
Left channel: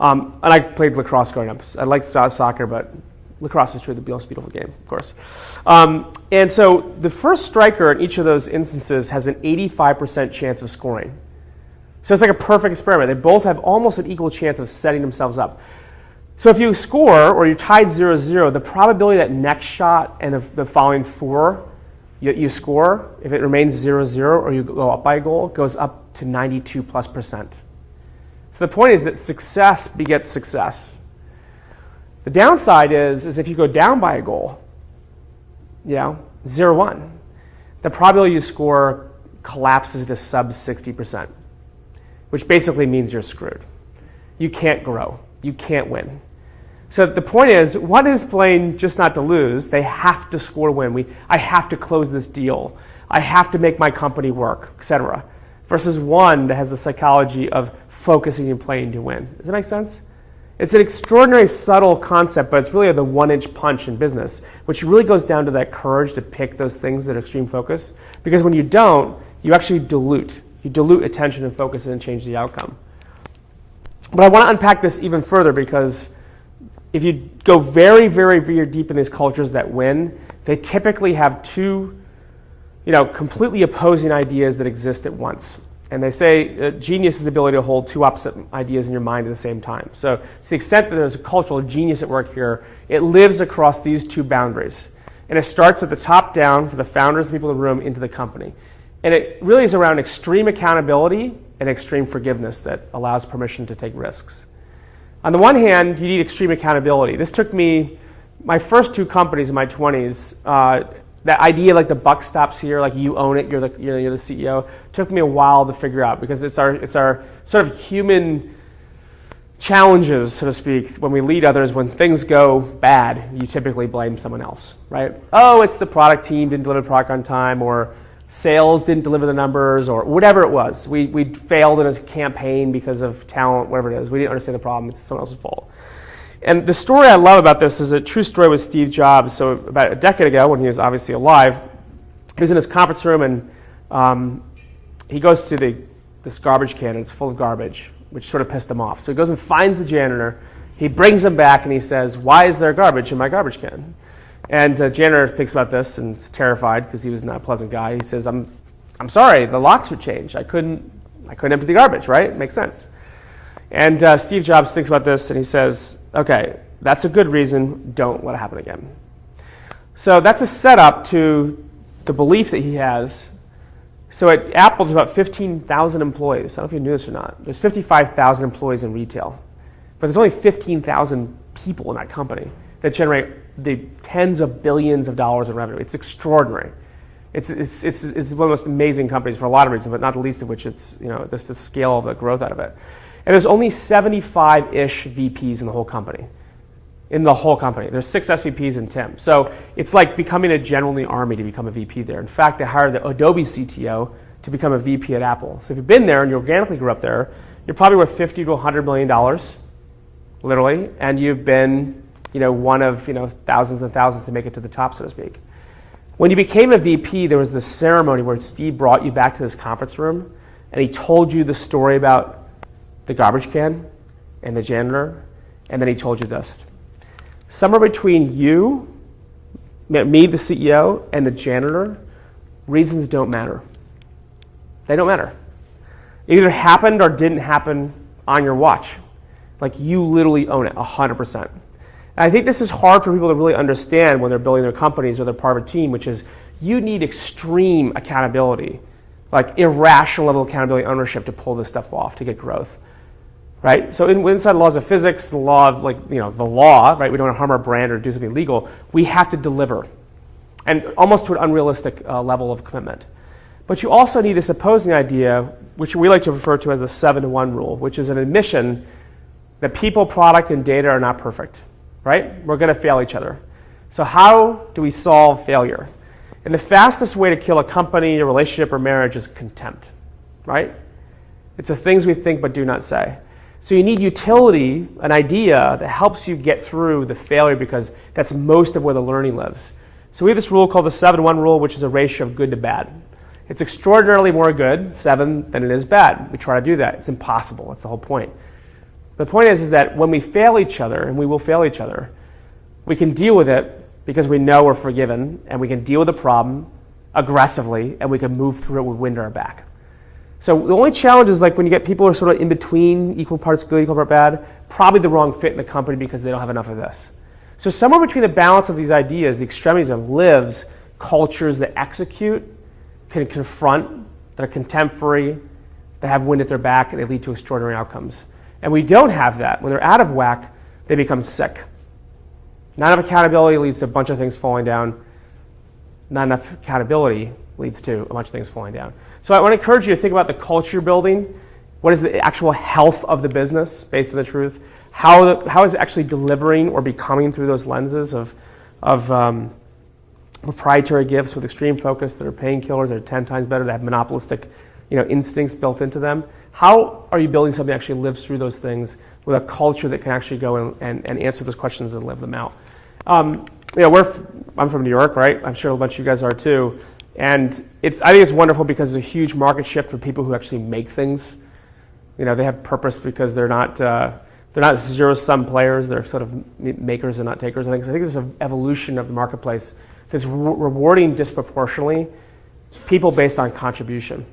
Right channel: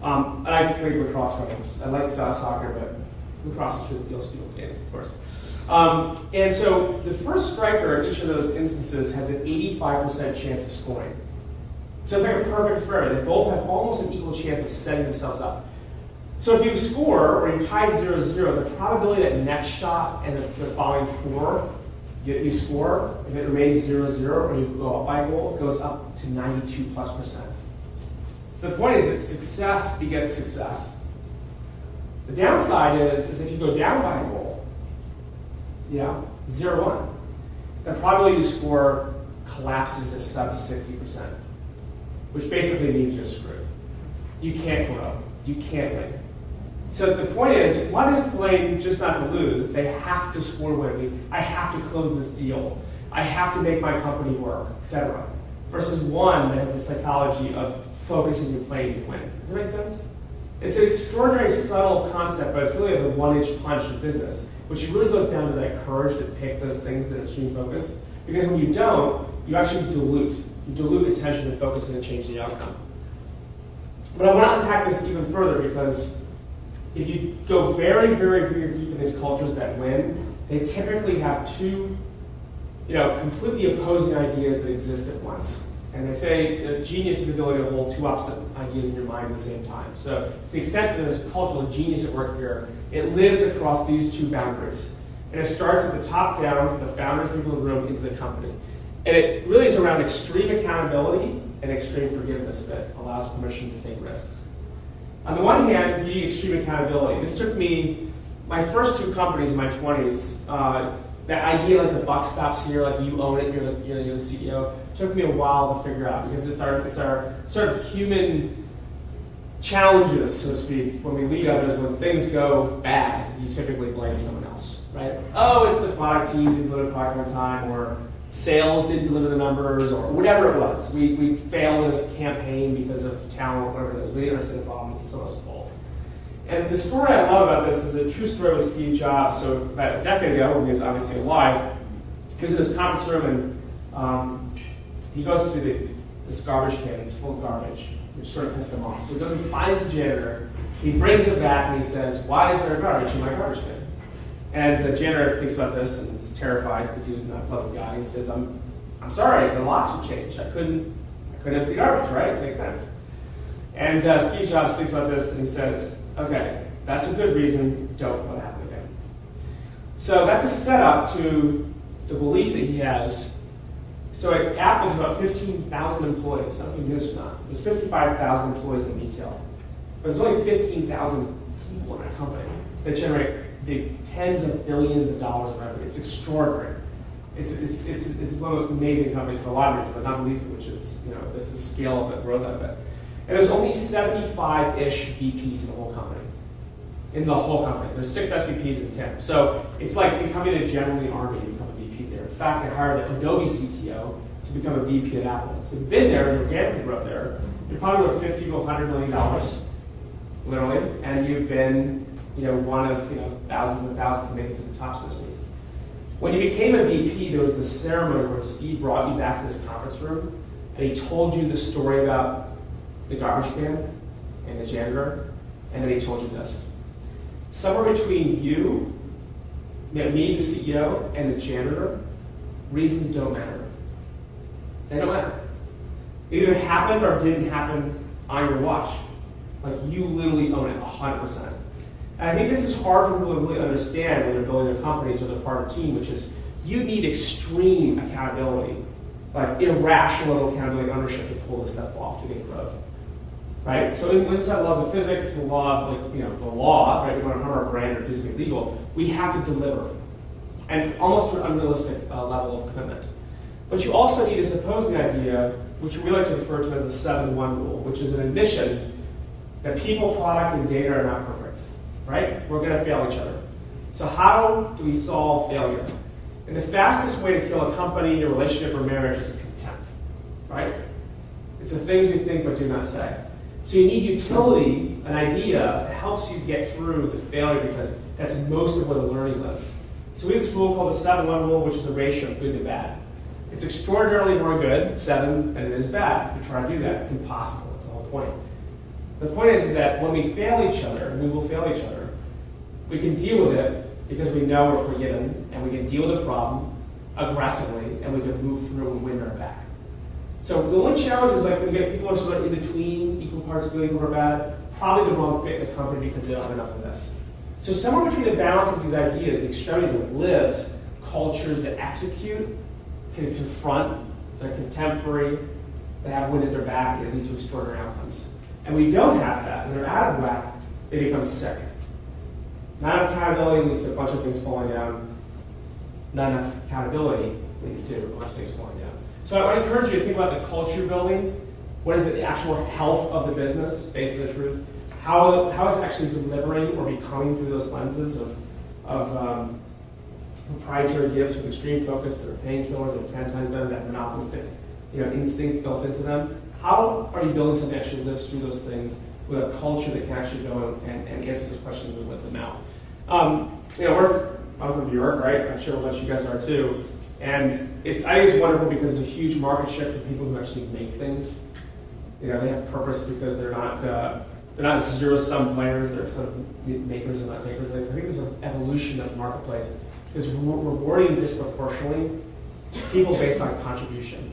And I played lacrosse growing up. I liked soccer, but lacrosse is truly the most beautiful game, of course. And so the first striker in each of those instances has an 85% chance of scoring. So it's like a perfect experiment. They both have almost an equal chance of setting themselves up. So if you score or you're tied 0-0, the probability that next shot and the following 4 you score, if it remains 0-0 or you go up by a goal, goes up to 92+%. So the point is that success begets success. The downside is if you go down by a goal, 0-1, the probability you score collapses to sub 60%, which basically means you're screwed. You can't grow. You can't win. So the point is, one is playing just not to lose. They have to score win. I have to close this deal. I have to make my company work, etc. Versus one that has the psychology of focusing and playing to win. Does that make sense? It's an extraordinary subtle concept, but it's really the one-inch punch in business, which really goes down to that courage to pick those things that are extreme focus. Because when you don't, you actually dilute. You dilute attention and focus and change the outcome. But I want to unpack this even further because if you go very, very, very deep in these cultures that win, they typically have two, completely opposing ideas that exist at once. And they say genius is the ability to hold two opposite ideas in your mind at the same time. So to the extent that there's a cultural genius at work here, it lives across these two boundaries. And it starts at the top down for the founders, the people in the room, into the company. And it really is around extreme accountability and extreme forgiveness that allows permission to take risks. On the one hand, you need extreme accountability. This took me, my first 2 companies in my 20s, that idea like the buck stops here, like you own it, you're the CEO, took me a while to figure out because it's our sort of human challenges, so to speak, when we lead others. When things go bad, you typically blame someone else, right? Oh, it's the product team didn't deliver the product on time, or sales didn't deliver the numbers, or whatever it was. We failed in a campaign because of talent, whatever it is. We didn't understand the problem. It's someone else's fault. And the story I love about this is a true story with Steve Jobs. So about a decade ago, when he was obviously alive, he was in his conference room and he goes to this garbage can and it's full of garbage, which sort of pissed him off. So he goes and finds the janitor. He brings him back and he says, "Why is there garbage in my garbage can?" And the janitor thinks about this and is terrified because he was not a pleasant guy. He says, I'm sorry, the locks would change. I couldn't empty the garbage, right? Makes sense. And Steve Jobs thinks about this and he says, okay, that's a good reason. Don't let it happen again. So that's a setup to the belief that he has. So at Apple, there's about 15,000 employees. I don't know if you knew this or not. There's 55,000 employees in retail. But there's only 15,000 people in that company that generate the tens of billions of dollars in revenue. It's extraordinary. It's one of the most amazing companies for a lot of reasons, but not the least of which it's the scale of the growth out of it. And there's only 75-ish VPs in the whole company. There's 6 SVPs and Tim. So it's like becoming a general in the army to become a VP there. In fact, they hired the Adobe CTO to become a VP at Apple. So if you've been there and you organically grew up there, you're probably worth $50 to $100 million, literally, and you've been one of thousands and thousands to make it to the top, so to speak. When you became a VP, there was this ceremony where Steve brought you back to this conference room and he told you the story about the garbage can and the janitor, and then he told you this. Somewhere between you, me, the CEO, and the janitor, reasons don't matter. They don't matter. It either happened or didn't happen on your watch. Like you literally own it 100%. And I think this is hard for people to really understand when they're building their companies or they're part of a team, which is you need extreme accountability, like irrational level of accountability and ownership to pull this stuff off to get growth. Right? So inside the laws of physics, the law of the law, right? We don't want to harm our brand or do something illegal. We have to deliver, and almost to an unrealistic level of commitment. But you also need this opposing idea, which we like to refer to as the 7-1 rule, which is an admission that people, product, and data are not perfect. Right? We're going to fail each other. So how do we solve failure? And the fastest way to kill a company, a relationship, or marriage is contempt. Right? It's the things we think but do not say. So you need utility, an idea that helps you get through the failure because that's most of where the learning lives. So we have this rule called the 7-1 rule, which is a ratio of good to bad. It's extraordinarily more good, 7, than it is bad. We try to do that. It's impossible. That's the whole point. The point is that when we fail each other, and we will fail each other, we can deal with it because we know we're forgiven, and we can deal with the problem aggressively, and we can move through it with wind at our back. So the only challenge is like when you get people who are sort of in between, equal parts good, equal parts bad, probably the wrong fit in the company because they don't have enough of this. So somewhere between the balance of these ideas, the extremities of lives, cultures that execute, can confront, that are contemporary, that have wind at their back, and they lead to extraordinary outcomes. And we don't have that. When they're out of whack, they become sick. Not enough accountability leads to a bunch of things falling down. Not enough accountability leads to a bunch of things falling down. So I want to encourage you to think about the culture building. What is the actual health of the business based on the truth? How is it actually delivering or becoming through those lenses of proprietary gifts with extreme focus that are painkillers, that are 10 times better, that have monopolistic instincts built into them? How are you building something that actually lives through those things with a culture that can actually go and answer those questions and live them out? I'm from New York, right? I'm sure a bunch of you guys are too. And I think it's wonderful because it's a huge market shift for people who actually make things. They have purpose because they're not zero-sum players. They're sort of makers and not takers. And I think there's an evolution of the marketplace that's rewarding disproportionately people based on contribution.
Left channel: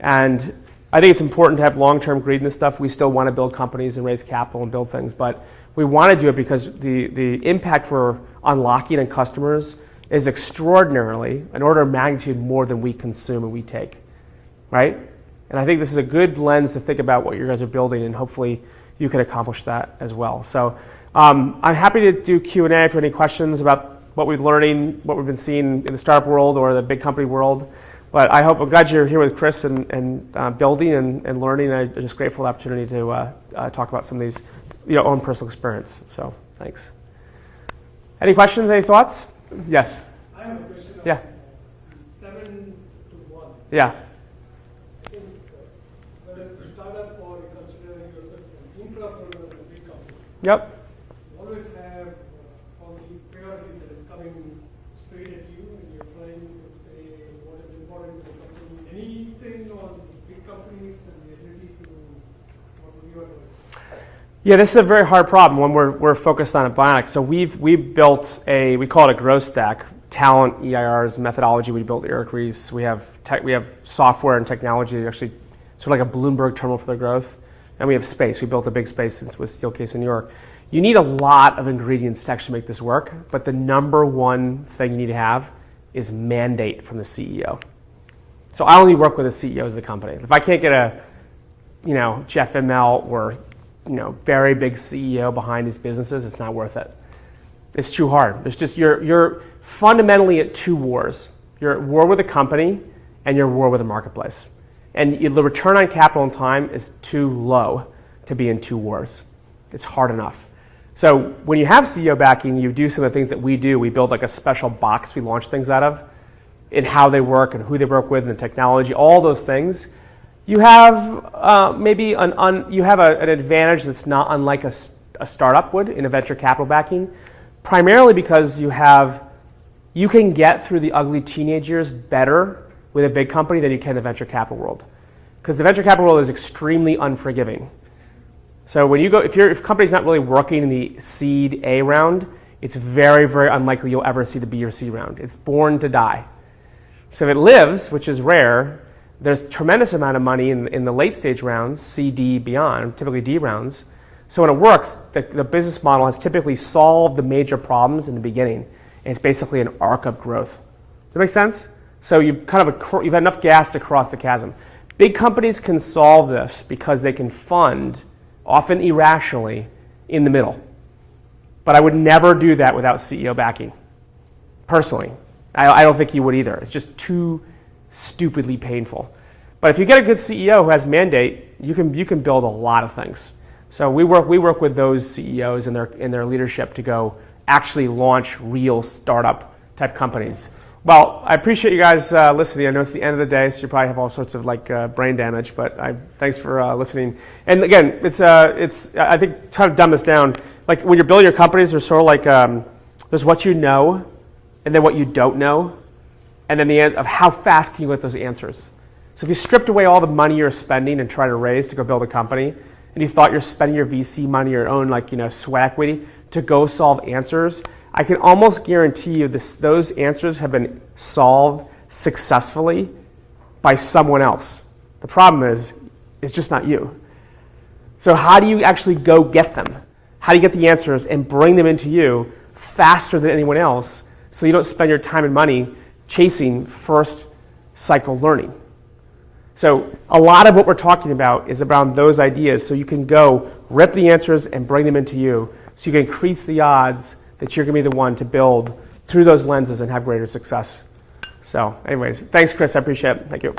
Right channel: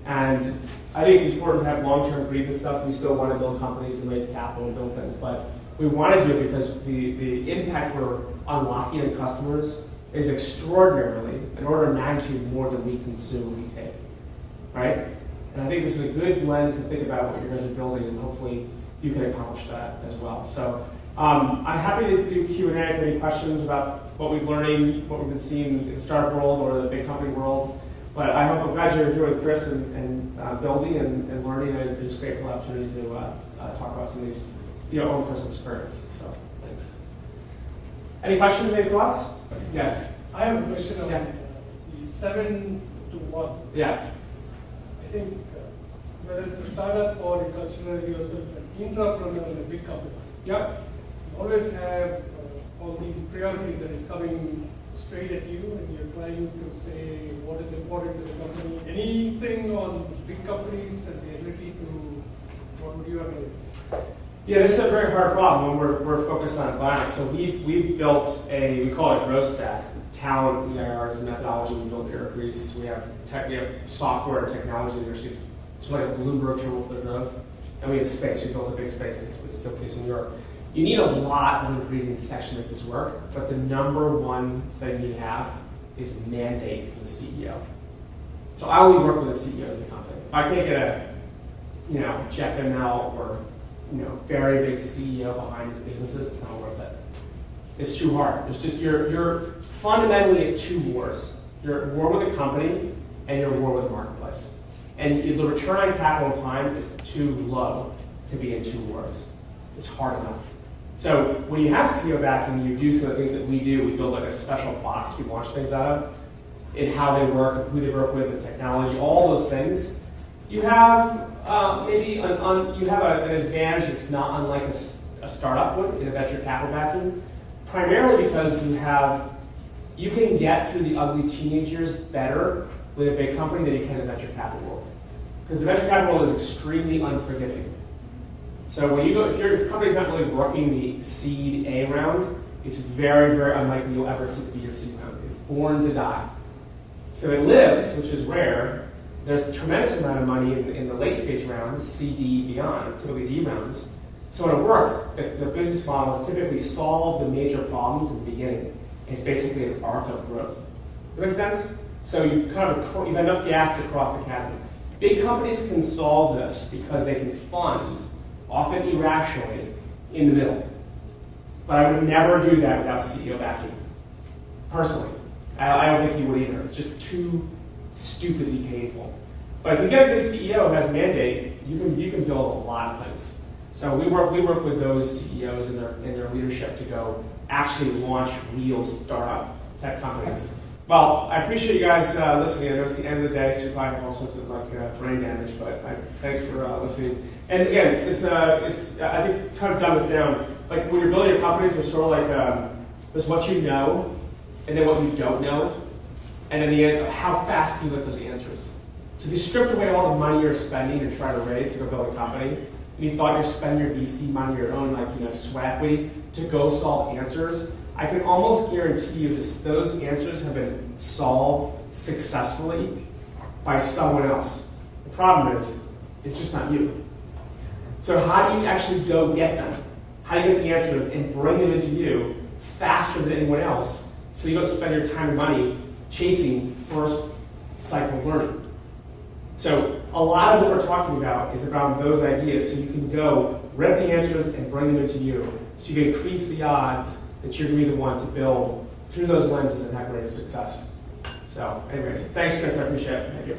And I think it's important to have long-term greed in this stuff. We still want to build companies and raise capital and build things, but we want to do it because the impact we're unlocking in customers is extraordinarily an order of magnitude more than we consume and we take, right? And I think this is a good lens to think about what you guys are building, and hopefully you can accomplish that as well. So I'm happy to do Q&A if you have any questions about what we've learning, what we've been seeing in the startup world or the big company world. But I'm glad you're here with Chris and building and learning. I'm just grateful for the opportunity to talk about some of these own personal experience. So thanks. Any questions, any thoughts? Yes. I have a question on the 7 to 1. Yeah. I think whether it's a startup or you consider yourself an entrepreneur in a big company, Yep. you always have all these priorities that is coming straight at you, and you're trying to say what is important to the company. Anything on big companies and the ability to, what would you advise? Yeah, this is a very hard problem when we're focused on Bionic. So we've built we call it a growth stack, talent, EIRs, methodology. We built Eric Rees. We have software and technology that actually sort of like a Bloomberg terminal for the growth. And we have space. We built a big space with Steelcase in New York. You need a lot of ingredients to actually make this work, but the number one thing you need to have is mandate from the CEO. So I only work with the CEOs of the company. If I can't get a Jeff Immelt or very big CEO behind his businesses, it's not worth it. It's too hard. It's just you're fundamentally at two wars. You're at war with a company and you're at war with the marketplace. And the return on capital and time is too low to be in two wars. It's hard enough. So when you have CEO backing, you do some of the things that we do. We build like a special box we launch things out of, in how they work and who they work with and the technology, all those things. You have you have an advantage that's not unlike a startup would in a venture capital backing, primarily because you can get through the ugly teenage years better with a big company than you can in the venture capital world, because the venture capital world is extremely unforgiving. So when you go, if a company's not really working in the seed A round, it's very, very unlikely you'll ever see the B or C round. It's born to die. So if it lives, which is rare, there's a tremendous amount of money in the late stage rounds, C, D, beyond, typically D rounds. So when it works, the business model has typically solved the major problems in the beginning, and it's basically an arc of growth. Does that make sense? So you've got enough gas to cross the chasm. Big companies can solve this because they can fund, often irrationally, in the middle. But I would never do that without CEO backing, personally. I don't think you would either. It's just too stupidly painful. But if you get a good CEO who has mandate, you can build a lot of things. So we work with those CEOs in their leadership to go actually launch real startup type companies Well, I appreciate you guys listening. I know it's the end of the day, so you probably have all sorts of brain damage, but thanks for listening. And again, it's I think try to dumb this down. Like when you're building your companies, there's sort of like there's what you know, and then what you don't know, and then the end of how fast can you get those answers. So if you stripped away all the money you're spending and trying to raise to go build a company, and you thought you're spending your VC money, your own swag equity to go solve answers, I can almost guarantee you those answers have been solved successfully by someone else. The problem is, it's just not you. So how do you actually go get them? How do you get the answers and bring them into you faster than anyone else so you don't spend your time and money chasing first cycle learning? So a lot of what we're talking about is around those ideas, so you can go rip the answers and bring them into you so you can increase the odds that you're going to be the one to build through those lenses and have greater success. So anyways, thanks, Chris. I appreciate it. Thank you.